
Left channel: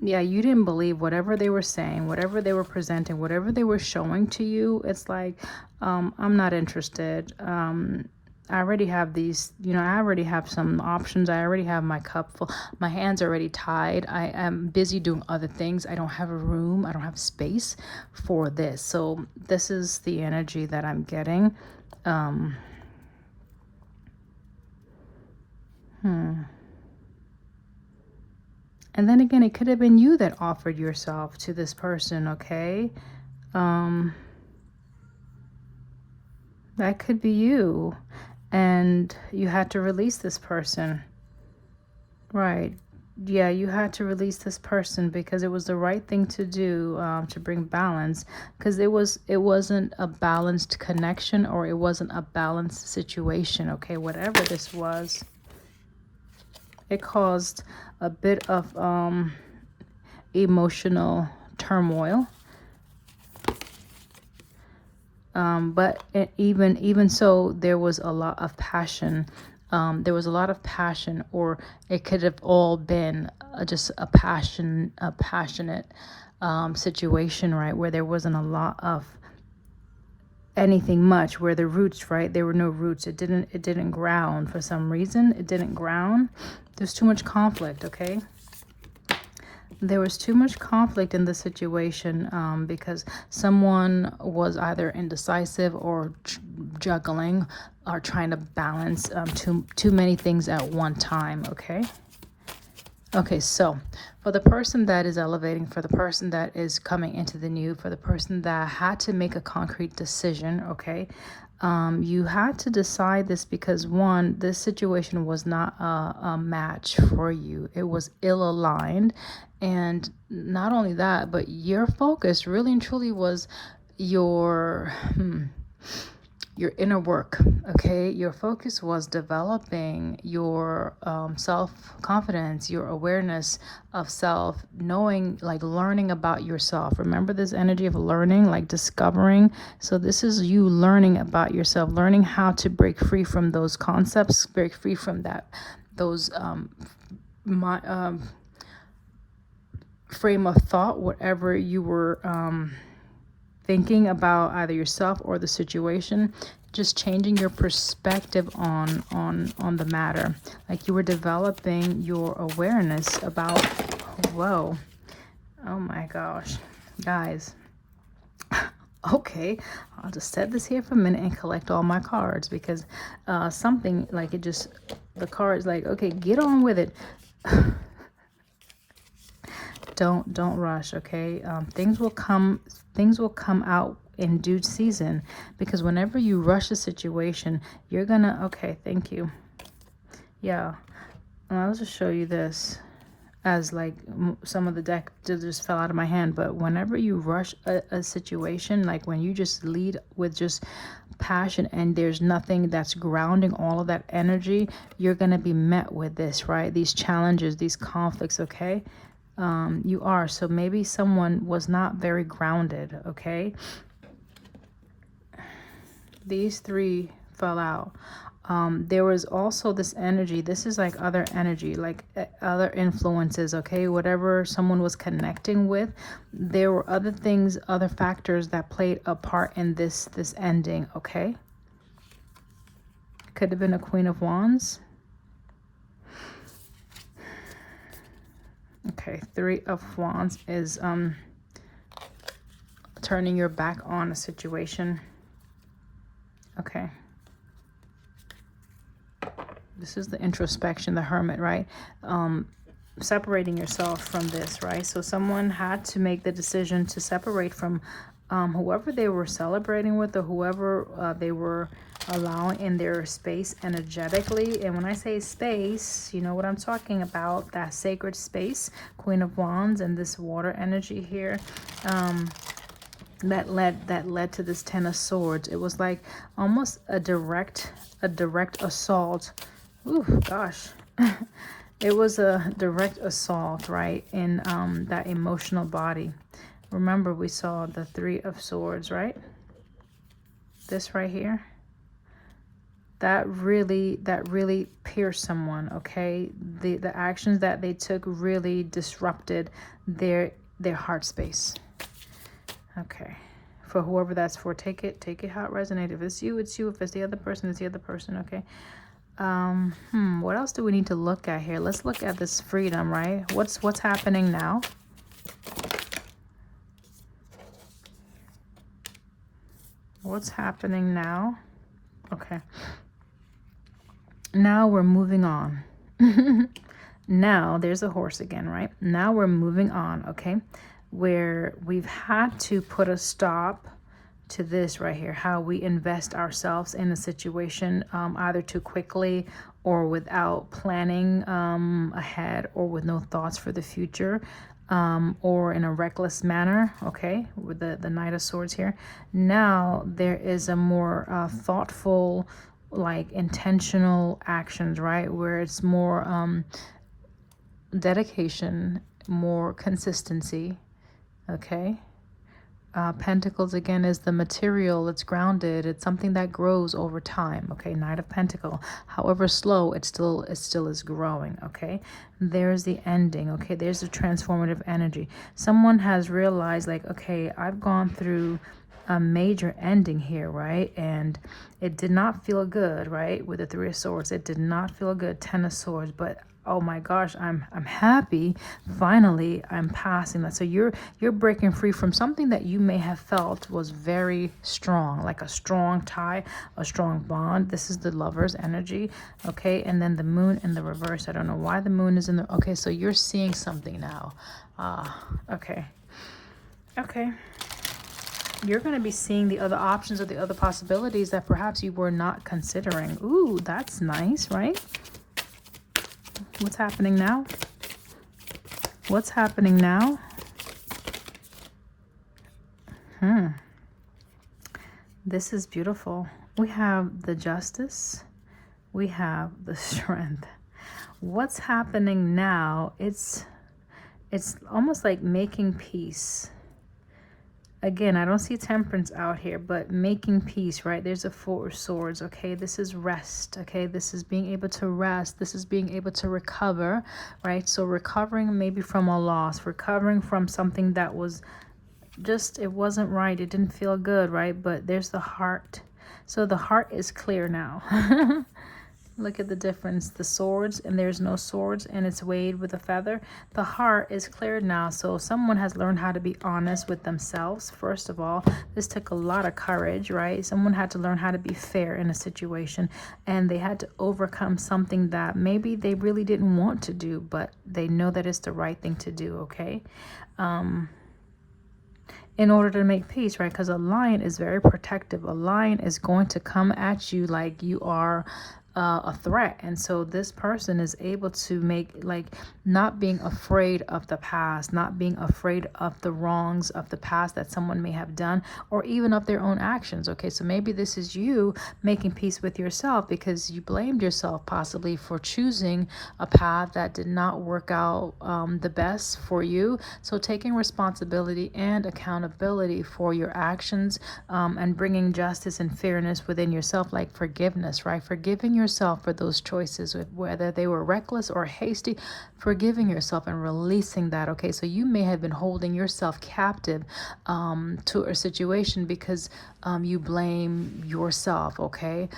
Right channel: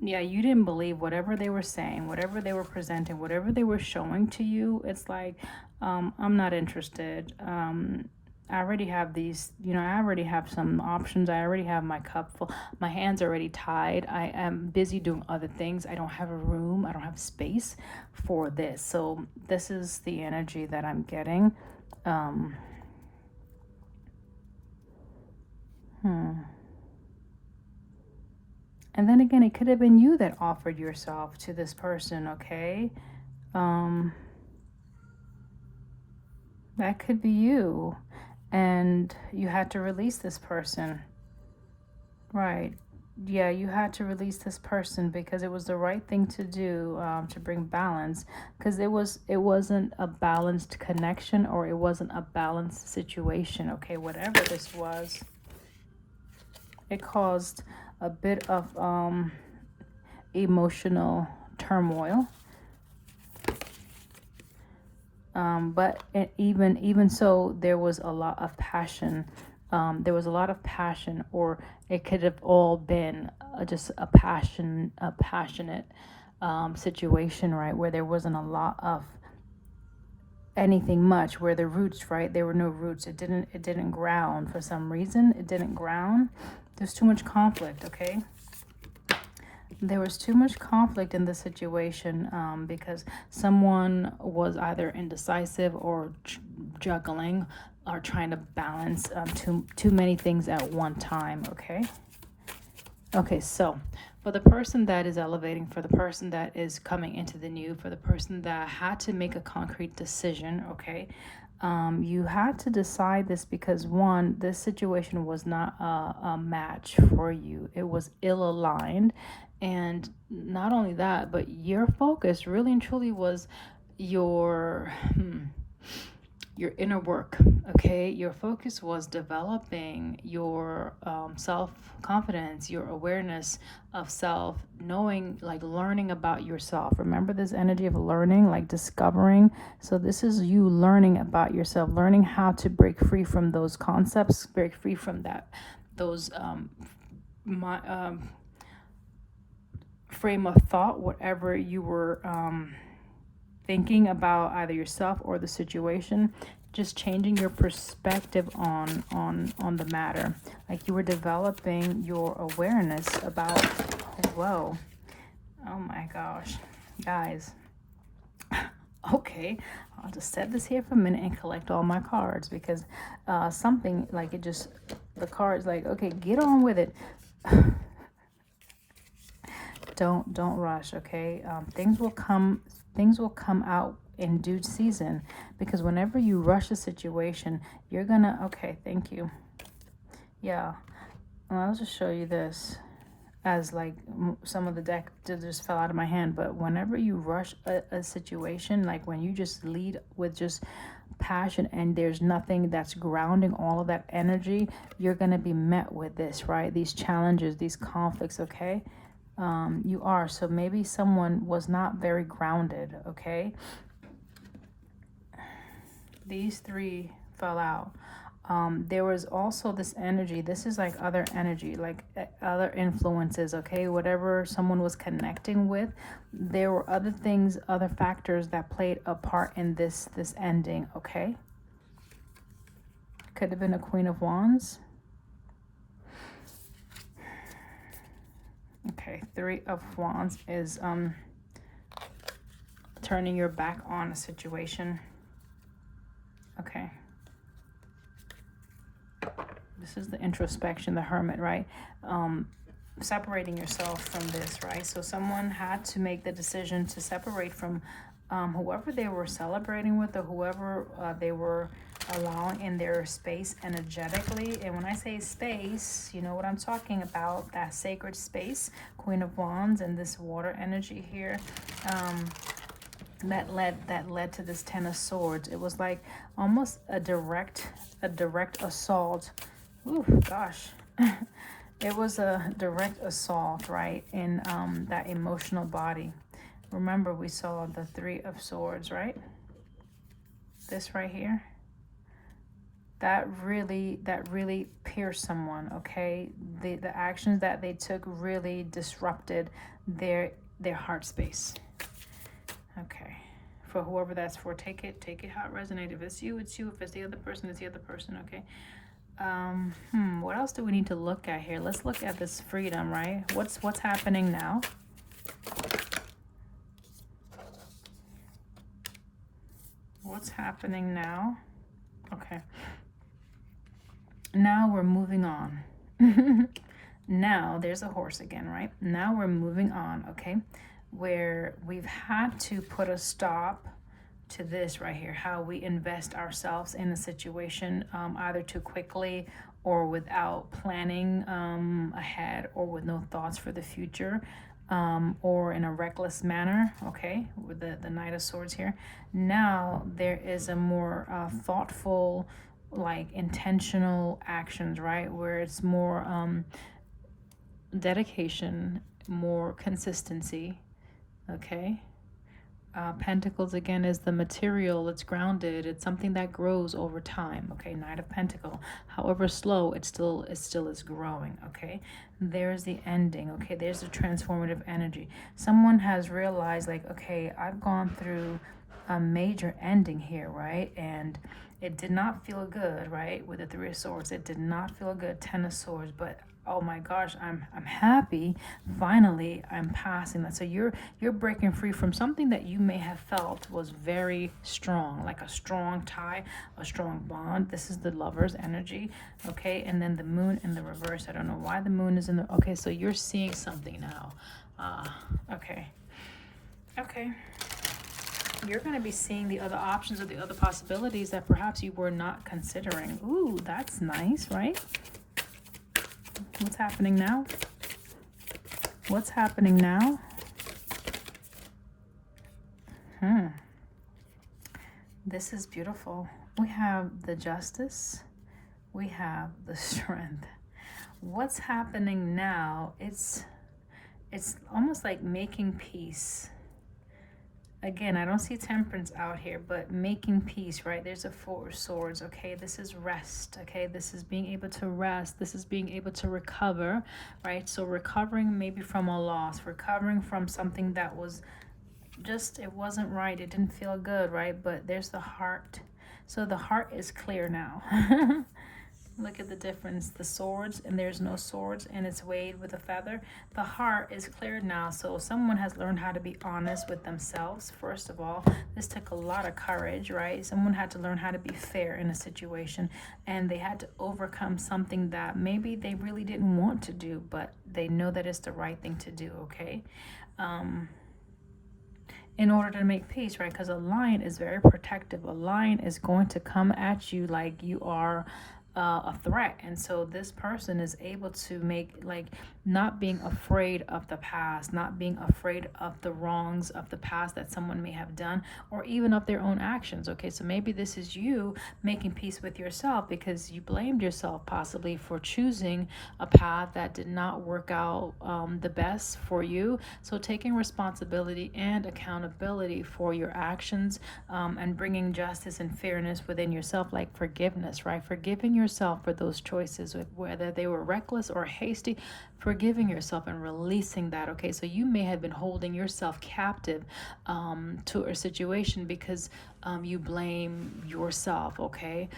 Yeah, you didn't believe whatever they were saying, whatever they were presenting, whatever they were showing to you. It's like, I'm not interested. I already have these, I already have some options. I already have my cup full. My hands are already tied. I am busy doing other things. I don't have a room. I don't have space for this. So this is the energy that I'm getting. And then again, it could have been you that offered yourself to this person, okay? That could be you. And you had to release this person. Right. Yeah, you had to release this person because it was the right thing to do, to bring balance. Because it wasn't a balanced connection, or it wasn't a balanced situation, okay? Whatever this was, it caused a bit of emotional turmoil. But even so, there was a lot of passion. There was a lot of passion, or it could have all been just a passionate situation, right? Where there wasn't a lot of anything much, where the roots, right? There were no roots. It didn't ground for some reason. It didn't ground. There's too much conflict, okay? There was too much conflict in the situation because someone was either indecisive or juggling or trying to balance too many things at one time, okay? Okay, so for the person that is elevating, for the person that is coming into the new, for the person that had to make a concrete decision, okay, you had to decide this because one, this situation was not a match for you. It was ill-aligned. And not only that, but your focus really and truly was your your inner work. Okay, your focus was developing your self-confidence, your awareness of self, knowing, like learning about yourself. Remember this energy of learning, like discovering. So this is you learning about yourself, learning how to break free from those concepts, break free from those frame of thought, whatever you were thinking about either yourself or the situation, just changing your perspective on the matter. Like you were developing your awareness about, whoa, oh my gosh, guys. Okay, I'll just set this here for a minute and collect all my cards, because something like it just, the card's like, okay, get on with it. Don't rush, okay? Things will come out in due season, because whenever you rush a situation, you're gonna, okay, thank you. Yeah, and I'll just show you this, as like some of the deck just fell out of my hand. But whenever you rush a situation, like when you just lead with just passion and there's nothing that's grounding all of that energy, you're gonna be met with this, right? These challenges, these conflicts, okay? You are. So maybe someone was not very grounded, okay? These three fell out. There was also this energy. This is like other energy, like other influences, okay? Whatever someone was connecting with, there were other things, other factors that played a part in this ending, okay? Could have been a Queen of Wands. Okay, Three of Wands is turning your back on a situation. Okay. This is the introspection, the Hermit, right? Separating yourself from this, right? So someone had to make the decision to separate from whoever they were celebrating with, or whoever they were allowing in their space energetically. And when I say space, you know what I'm talking about, that sacred space, Queen of Wands, and this water energy here. That led to this Ten of Swords. It was like almost a direct assault. Ooh, gosh. It was a direct assault, right, in that emotional body. Remember, we saw the Three of Swords, right? This right here. That really pierced someone, okay? The actions that they took really disrupted their heart space. Okay, for whoever that's for, take it how it resonates. If it's you, it's you. If it's the other person, it's the other person, okay? What else do we need to look at here? Let's look at this freedom, right? What's happening now? What's happening now? Okay. Now we're moving on. Now there's a horse again, right? Now we're moving on, okay? Where we've had to put a stop to this right here, how we invest ourselves in a situation, either too quickly or without planning ahead, or with no thoughts for the future, or in a reckless manner, okay, with the Knight of Swords here. Now there is a more thoughtful, like intentional actions, right, where it's more dedication, more consistency, okay? Pentacles again is the material. It's grounded. It's something that grows over time, okay? Knight of Pentacle, however slow, it still is growing, okay? There's the ending, okay? There's the transformative energy. Someone has realized, like, okay, I've gone through a major ending here, right? And it did not feel good, right? With the Three of Swords, it did not feel good. Ten of Swords, but oh my gosh, I'm happy. Finally, I'm passing that. So you're breaking free from something that you may have felt was very strong, like a strong tie, a strong bond. This is the Lover's energy, okay? And then the Moon in the reverse. I don't know why the Moon is in the, okay, so you're seeing something now. Okay. Okay. You're going to be seeing the other options or the other possibilities that perhaps you were not considering. Ooh, that's nice, right? What's happening now? What's happening now? This is beautiful. We have the Justice. We have the Strength. What's happening now? It's almost like making peace. Again, I don't see Temperance out here, but making peace, right? There's a Four of Swords, okay? This is rest, okay? This is being able to rest. This is being able to recover, right? So recovering maybe from a loss, recovering from something that was just, it wasn't right. It didn't feel good, right? But there's the heart. So the heart is clear now. Look at the difference. The swords, and there's no swords, and it's weighed with a feather. The heart is cleared now. So someone has learned how to be honest with themselves. First of all, this took a lot of courage, right? Someone had to learn how to be fair in a situation, and they had to overcome something that maybe they really didn't want to do, but they know that it's the right thing to do, okay? In order to make peace, right? Because a lion is very protective. A lion is going to come at you like you are a threat. And so this person is able to make, like, not being afraid of the past, not being afraid of the wrongs of the past that someone may have done, or even of their own actions. Okay, so maybe this is you making peace with yourself because you blamed yourself possibly for choosing a path that did not work out the best for you. So taking responsibility and accountability for your actions, and bringing justice and fairness within yourself, like forgiveness, right? Forgiving yourself for those choices, whether they were reckless or hasty, forgiving yourself and releasing that. Okay, so you may have been holding yourself captive to a situation because you blame yourself. Okay,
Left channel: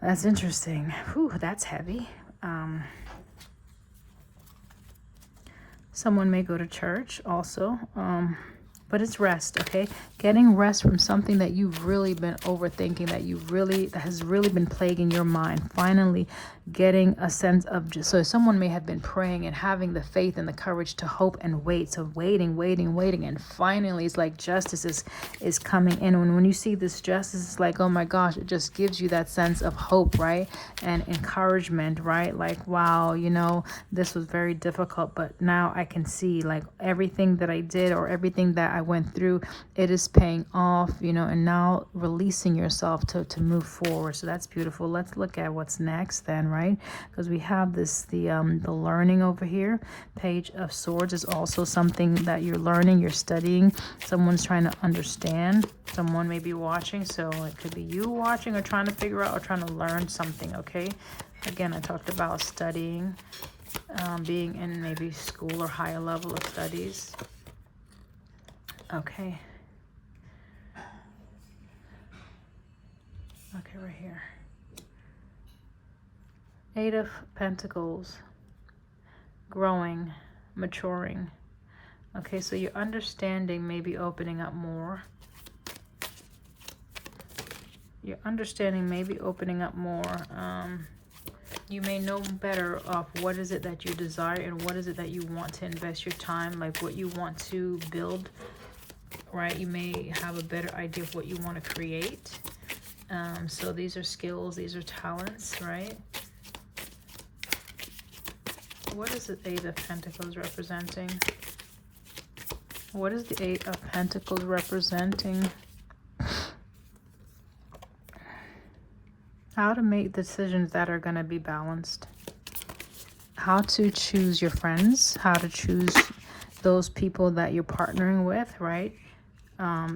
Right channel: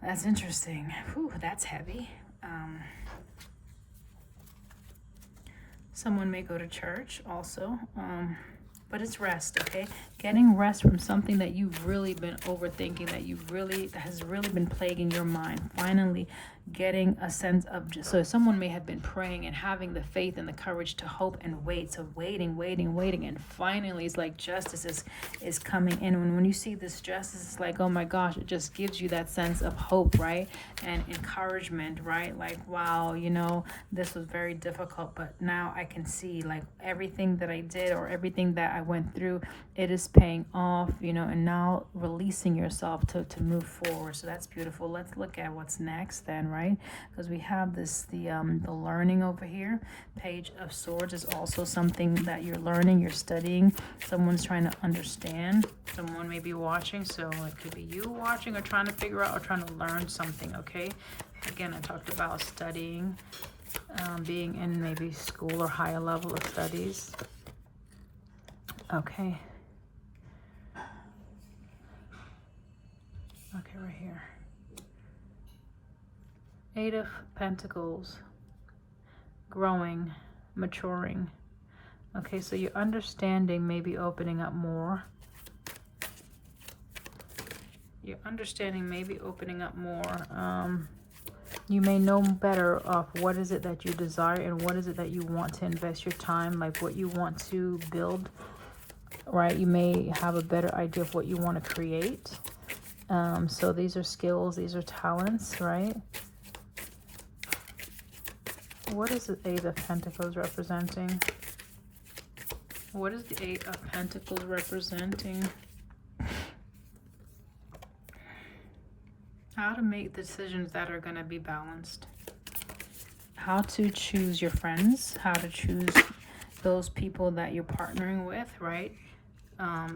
that's interesting. Whew, that's heavy. Someone may go to church also, but it's rest, okay? Getting rest from something that you've really been overthinking, that has really been plaguing your mind. Finally getting a sense of, so someone may have been praying and having the faith and the courage to hope and wait. So waiting, and finally it's like justice is coming in. When you see this justice, it's like, oh my gosh, it just gives you that sense of hope, right? And encouragement, right? Like, wow, you know, this was very difficult, but now I can see, like, everything that I did or everything that I went through, it is paying off, you know, and now releasing yourself to move forward. So that's beautiful. Let's look at what's next then, right? Because we have this, the learning over here. Page of Swords is also something that you're learning, you're studying. Someone's trying to understand. Someone may be watching, so it could be you watching or trying to figure out or trying to learn something, okay? Again, I talked about studying, being in maybe school or higher level of studies. Okay. Okay, right here. Eight of Pentacles. Growing, maturing. Okay, so your understanding may be opening up more. Your understanding may be opening up more. You may know better of what is it that you desire and what is it that you want to invest your time, like what you want to build, right? You may have a better idea of what you want to create. So these are skills, these are talents, right? What is the Eight of Pentacles representing? What is the Eight of Pentacles representing? How to make decisions that are going to be balanced. How to choose your friends. How to choose those people that you're partnering with, right?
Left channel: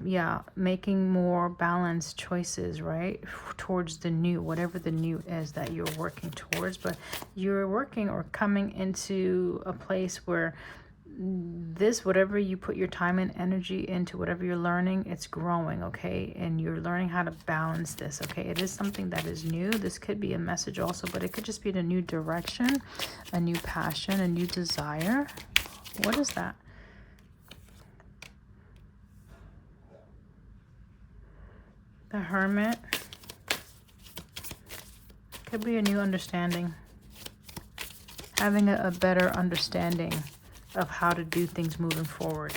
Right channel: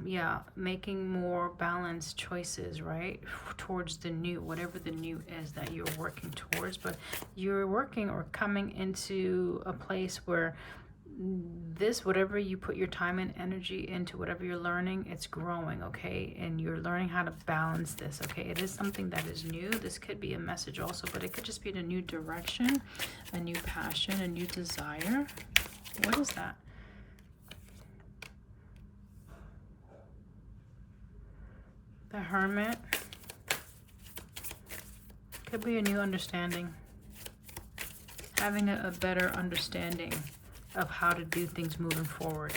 Yeah, making more balanced choices, right? Towards the new, whatever the new is that you're working towards. But you're working or coming into a place where this, whatever you put your time and energy into, whatever you're learning, it's growing, okay? And you're learning how to balance this, okay? It is something that is new. This could be a message also, but it could just be a new direction, a new passion, a new desire. What is that? The Hermit. Could be a new understanding. Having a better understanding of how to do things moving forward.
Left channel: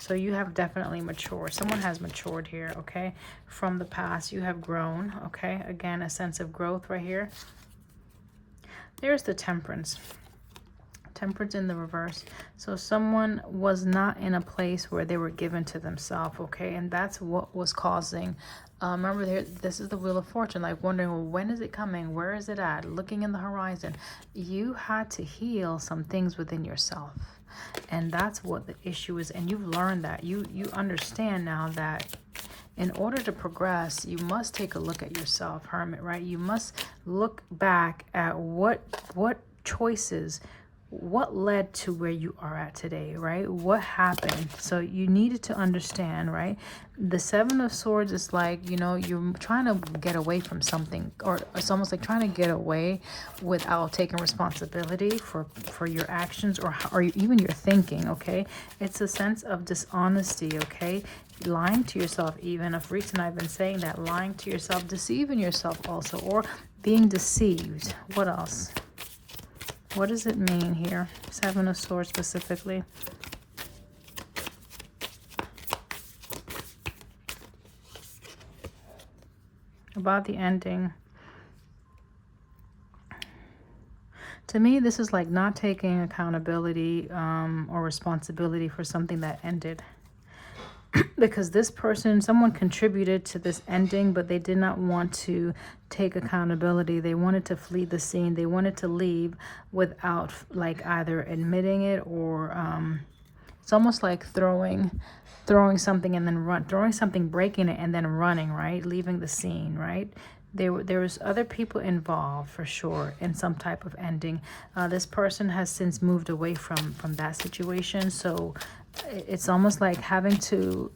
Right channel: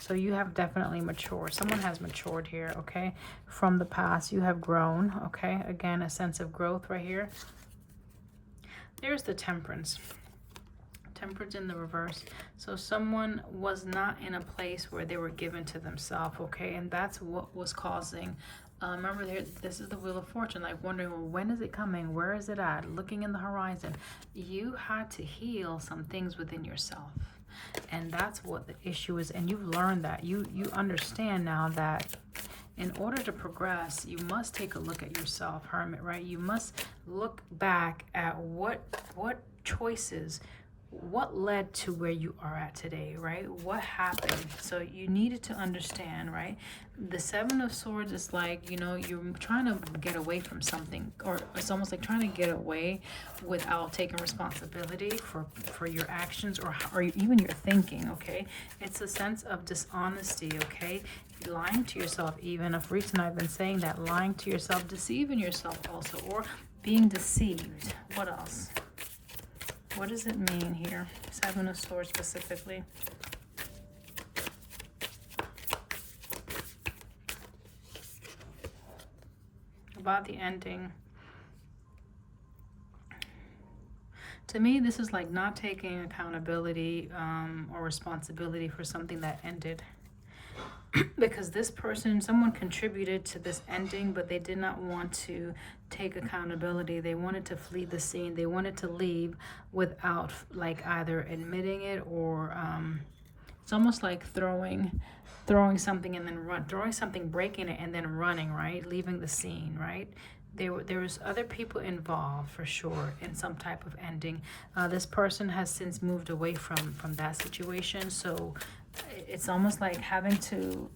So you have definitely matured. Someone has matured here, okay? From the past, you have grown, okay? Again, a sense of growth right here. There's the Temperance. Temperance in the reverse. So someone was not in a place where they were given to themselves, okay? And that's what was causing... remember, this is the Wheel of Fortune, like wondering, well, when is it coming? Where is it at? Looking in the horizon. You had to heal some things within yourself. And that's what the issue is. And you've learned that. You understand now that in order to progress, you must take a look at yourself, Hermit, right? You must look back at what choices, what led to where you are at today, right? What happened? So you needed to understand, right? The Seven of Swords is like, you know, you're trying to get away from something, or it's almost like trying to get away without taking responsibility for your actions or even your thinking, okay? It's a sense of dishonesty, okay? Lying to yourself, even. Of reason I've been saying that, lying to yourself, deceiving yourself also, or being deceived. What else? What does it mean here? Seven of Swords specifically. About the ending. To me, this is like not taking accountability or responsibility for something that ended. Because this person, someone contributed to this ending, but they did not want to take accountability. They wanted to flee the scene. They wanted to leave without like either admitting it or it's almost like throwing something and then throwing something, breaking it, and then running, right? Leaving the scene, right? There was other people involved for sure in some type of ending. This person has since moved away from that situation. So it's almost like having to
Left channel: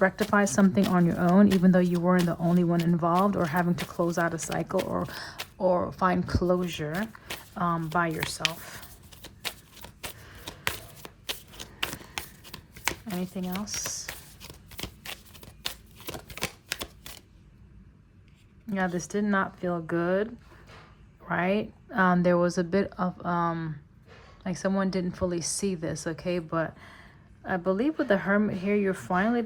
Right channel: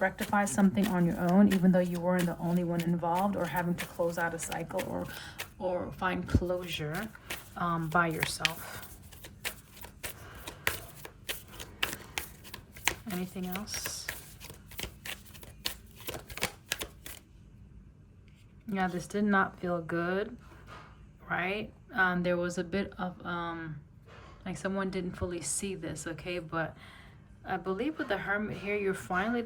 rectify something on your own, even though you weren't the only one involved, or having to close out a cycle or find closure by yourself. Anything else? Yeah, this did not feel good, right? There was a bit of like someone didn't fully see this, okay? But I believe with the Hermit here, you're finally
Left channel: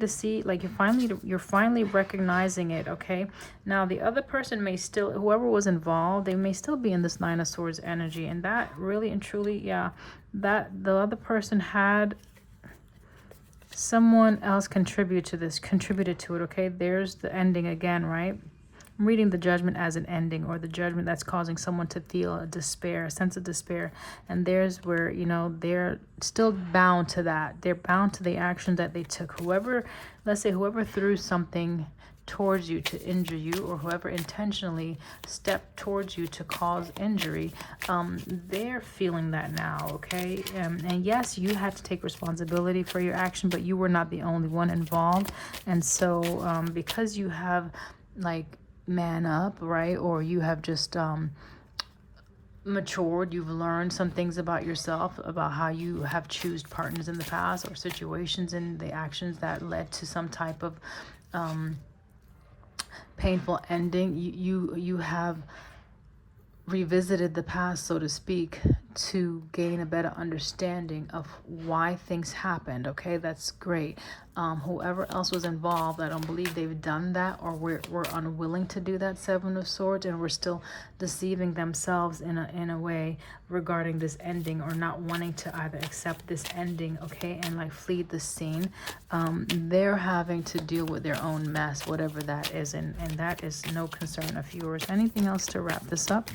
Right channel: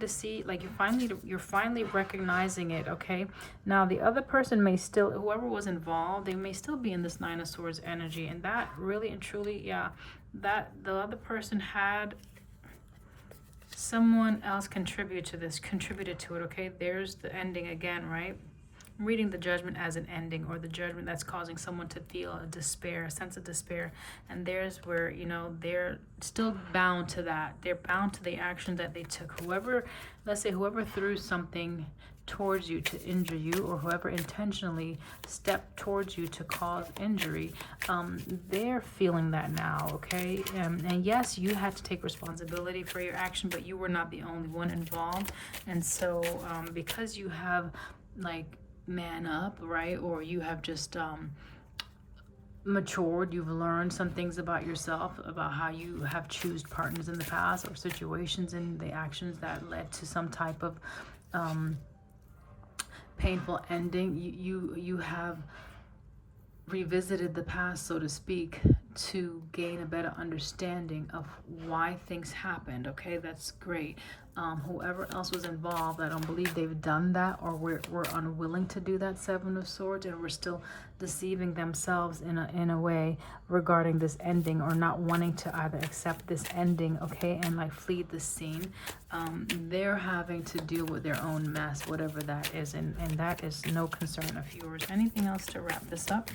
you're finally recognizing it, okay? Now the other person may still, whoever was involved, they may still be in this Nine of Swords energy, and that really and truly, yeah, that the other person had someone else contributed to it, okay? There's the ending again, right? I'm reading the Judgment as an ending, or the judgment that's causing someone to feel a despair, a sense of despair. And there's where, you know, they're still bound to that. They're bound to the action that they took. Whoever, let's say whoever threw something towards you to injure you, or whoever intentionally stepped towards you to cause injury, they're feeling that now, okay? And yes, you had to take responsibility for your action, but you were not the only one involved. And so because you have like man up, right? Or you have just matured, you've learned some things about yourself, about how you have chosen partners in the past, or situations and the actions that led to some type of painful ending. You have revisited the past, so to speak, to gain a better understanding of why things happened, okay? That's great. Whoever else was involved, I don't believe they've done that, or we're unwilling to do that, Seven of Swords, and we're still deceiving themselves in a way regarding this ending, or not wanting to either accept this ending, okay, and like flee the scene. They're having to deal with their own mess, whatever that is, and that is no concern of yours. Anything else to wrap this up?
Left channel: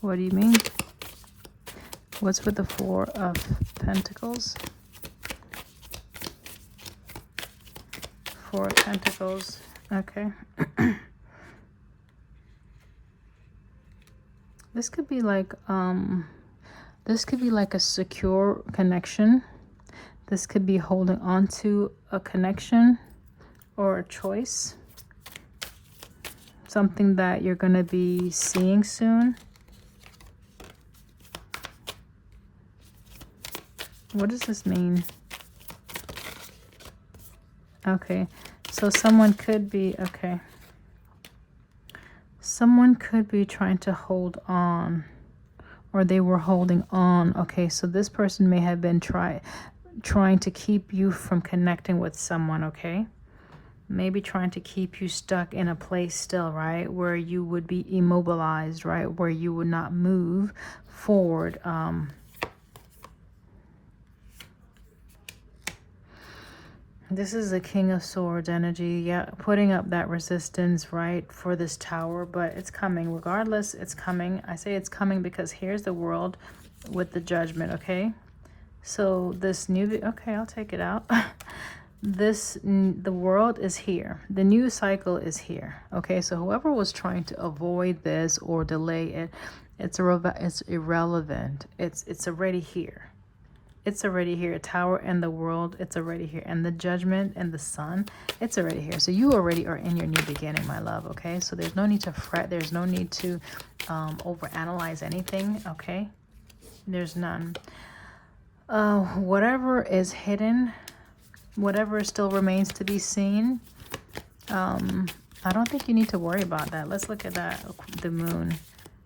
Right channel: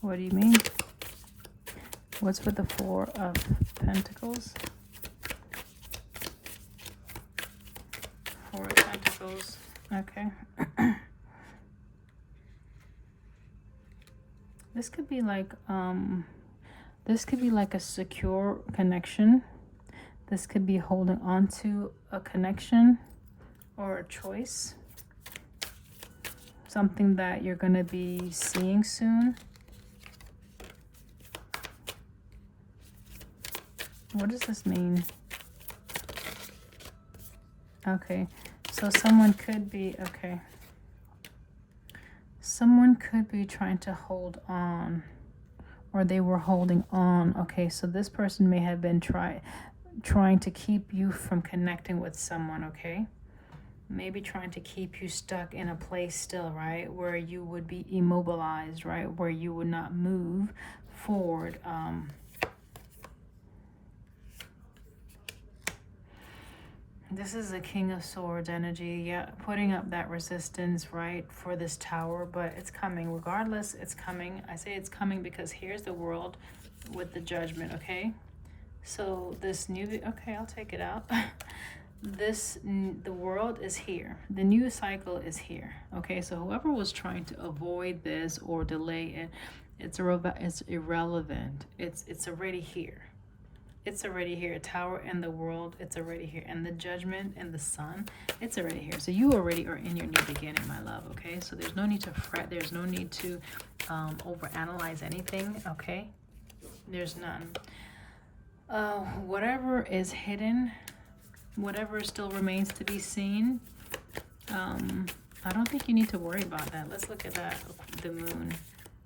What do you mean? What's with the Four of Pentacles? Four of Pentacles. Okay. This could be like a secure connection. This could be holding on to a connection or a choice. Something that you're going to be seeing soon. What does this mean? Okay, so someone could be, okay. Someone could be trying to hold on, or they were holding on. Okay, so this person may have been trying to keep you from connecting with someone, okay? Maybe trying to keep you stuck in a place still, right? Where you would be immobilized, right? Where you would not move forward. This is the King of Swords energy. Yeah, putting up that resistance, right, for this tower. But it's coming. Regardless, it's coming. I say it's coming because here's the world with the judgment, okay? So this new... Okay, I'll take it out. The world is here. The new cycle is here, okay? So whoever was trying to avoid this or delay it, it's irrelevant. It's already here. It's already here. Tower and the world, it's already here. And the judgment and the sun, it's already here. So you already are in your new beginning, my love, okay? So there's no need to fret. There's no need to overanalyze anything, okay? There's none. Whatever is hidden, whatever still remains to be seen, I don't think you need to worry about that. Let's look at that, the moon.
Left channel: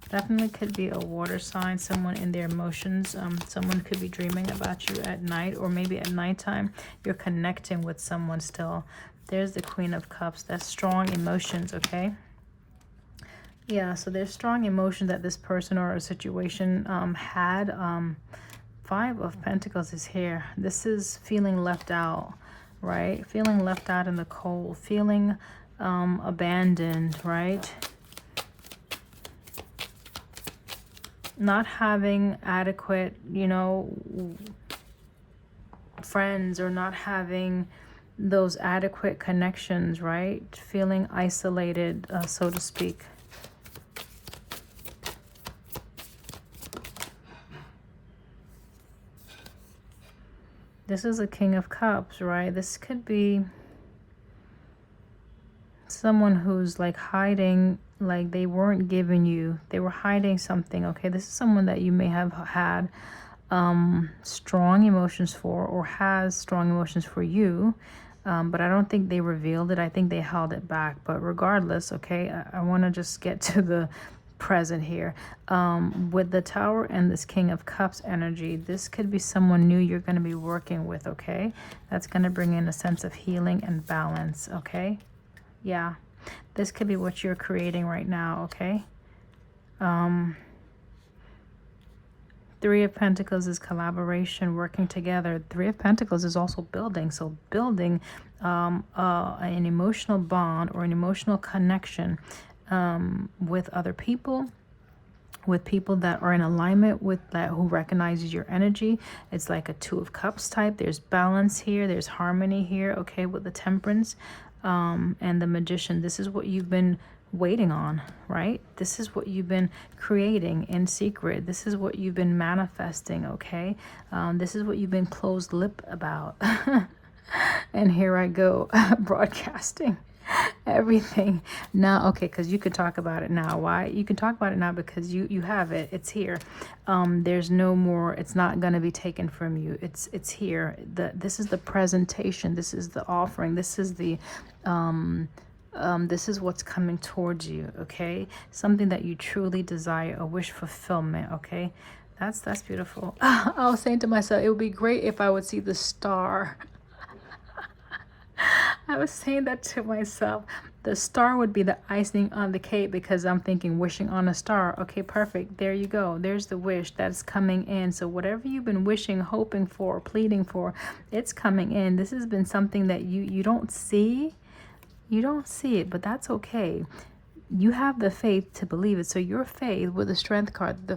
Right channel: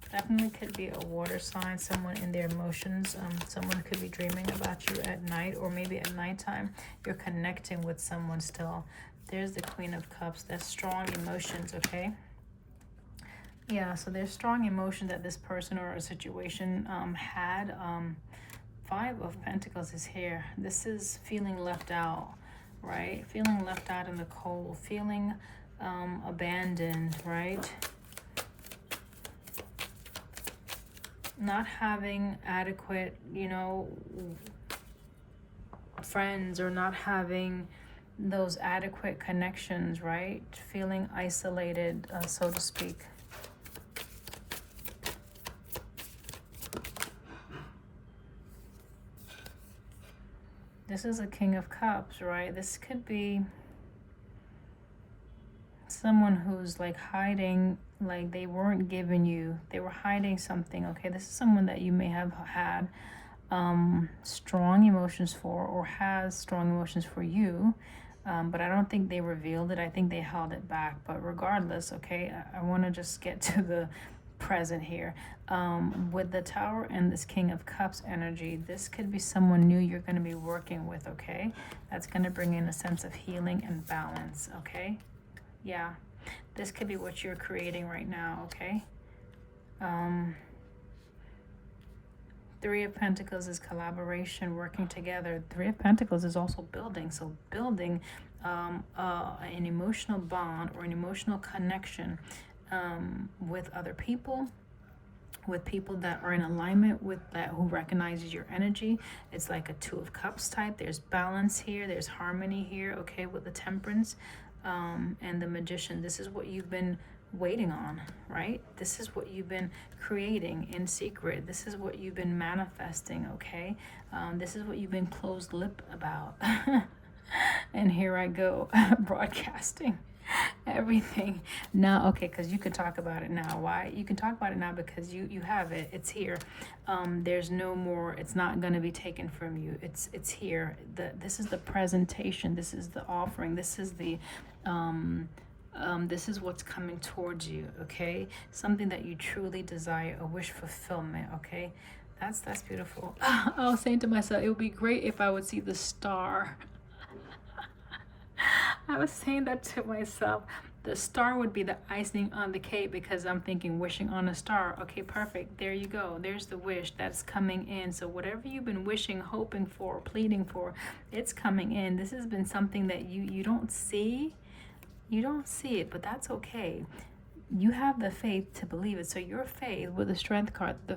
Definitely could be a water sign, someone in their emotions. Someone could be dreaming about you at night, or maybe at nighttime you're connecting with someone still. There's the Queen of Cups. That's strong emotions, okay? Yeah, so there's strong emotion that this person or a situation had. Five of Pentacles is here. This is feeling left out, right? Feeling left out in the cold, feeling abandoned, right? Not having adequate, you know, friends, or not having those adequate connections, right? Feeling isolated, so to speak. This is a King of Cups, right? This could be someone who's like hiding, like they weren't giving you, they were hiding something, okay? This is someone that you may have had strong emotions for, or has strong emotions for you, but I don't think they revealed it. I think they held it back. But regardless, okay, I want to just get to the present here. With the Tower and this King of Cups energy, this could be someone new you're going to be working with, okay? That's going to bring in a sense of healing and balance, okay? Yeah, this could be what you're creating right now, okay? Three of Pentacles is collaboration, working together. Three of Pentacles is also building. So building an emotional bond or an emotional connection with other people, with people that are in alignment with that, who recognizes your energy. It's like a Two of Cups type. There's balance here. There's harmony here, okay, with the Temperance. And the Magician. This is what you've been waiting on, right? This is what you've been creating in secret. This is what you've been manifesting, okay? This is what you've been closed lip about. And here I go, broadcasting everything now, okay? Because you could talk about it now. Why? You can talk about it now because you have it. It's here. There's no more. It's not going to be taken from you. It's here. This is the presentation. This is the offering. This is the this is what's coming towards you, okay? Something that you truly desire, a wish fulfillment, okay? That's beautiful. I was saying to myself, it would be great if I would see the star. I was saying that to myself. The star would be the icing on the cake, because I'm thinking wishing on a star. Okay, perfect. There you go. There's the wish that's coming in. So whatever you've been wishing, hoping for, pleading for, it's coming in. This has been something that you don't see. You don't see it, but that's okay. you have the faith to believe it. So your faith with the strength card, the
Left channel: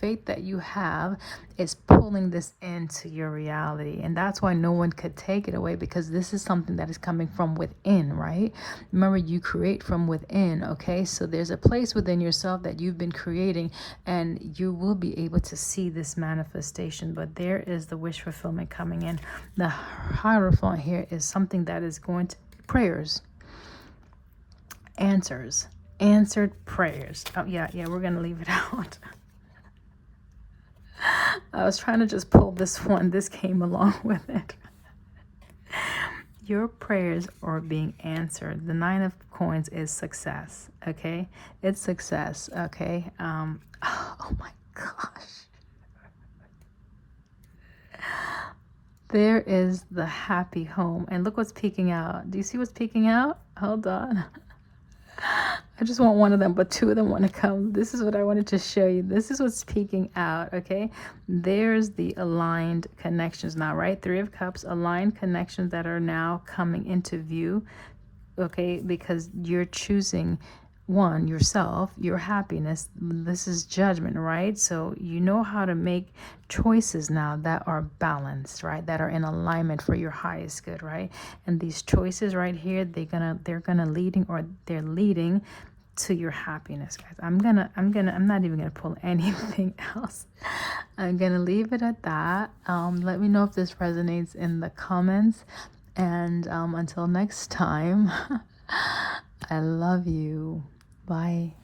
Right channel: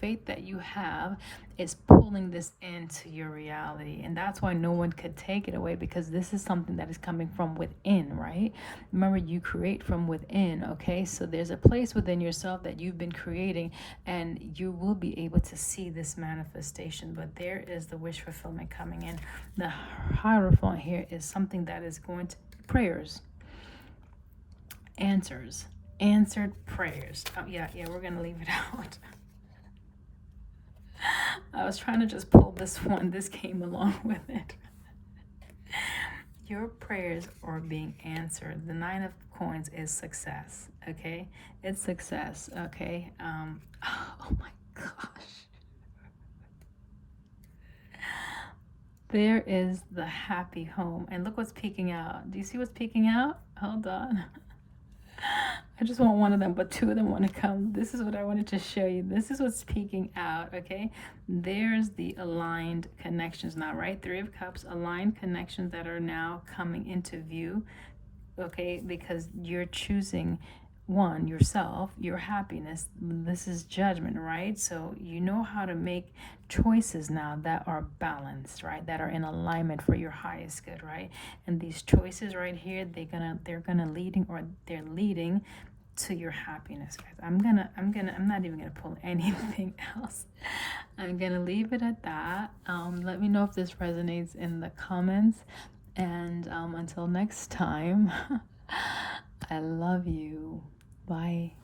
faith that you have is pulling this into your reality. And that's why no one could take it away, because this is something that is coming from within, right? Remember, you create from within, okay? So there's a place within yourself that you've been creating, and you will be able to see this manifestation. But there is the wish fulfillment coming in. The Hierophant here is something that is going to prayers, answered prayers. Oh yeah, we're gonna leave it out. I was trying to just pull this one. This came along with it. Your prayers are being answered. The 9 of Coins is success. Okay, it's success. Okay. Oh my gosh. There is the happy home, and look what's peeking out. Do you see what's peeking out? Hold on. I just want one of them, but 2 of them want to come. This is what I wanted to show you. This is what's peeking out, okay? There's the aligned connections now, right? 3 of Cups, aligned connections that are now coming into view, okay? Because you're choosing one, yourself, your happiness. This is judgment, right? So you know how to make choices now that are balanced, right? That are in alignment for your highest good, right? And these choices right here, they're leading to your happiness, guys. I'm not even gonna pull anything else. I'm gonna leave it at that. Let me know if this resonates in the comments, and until next time, I love you. Bye.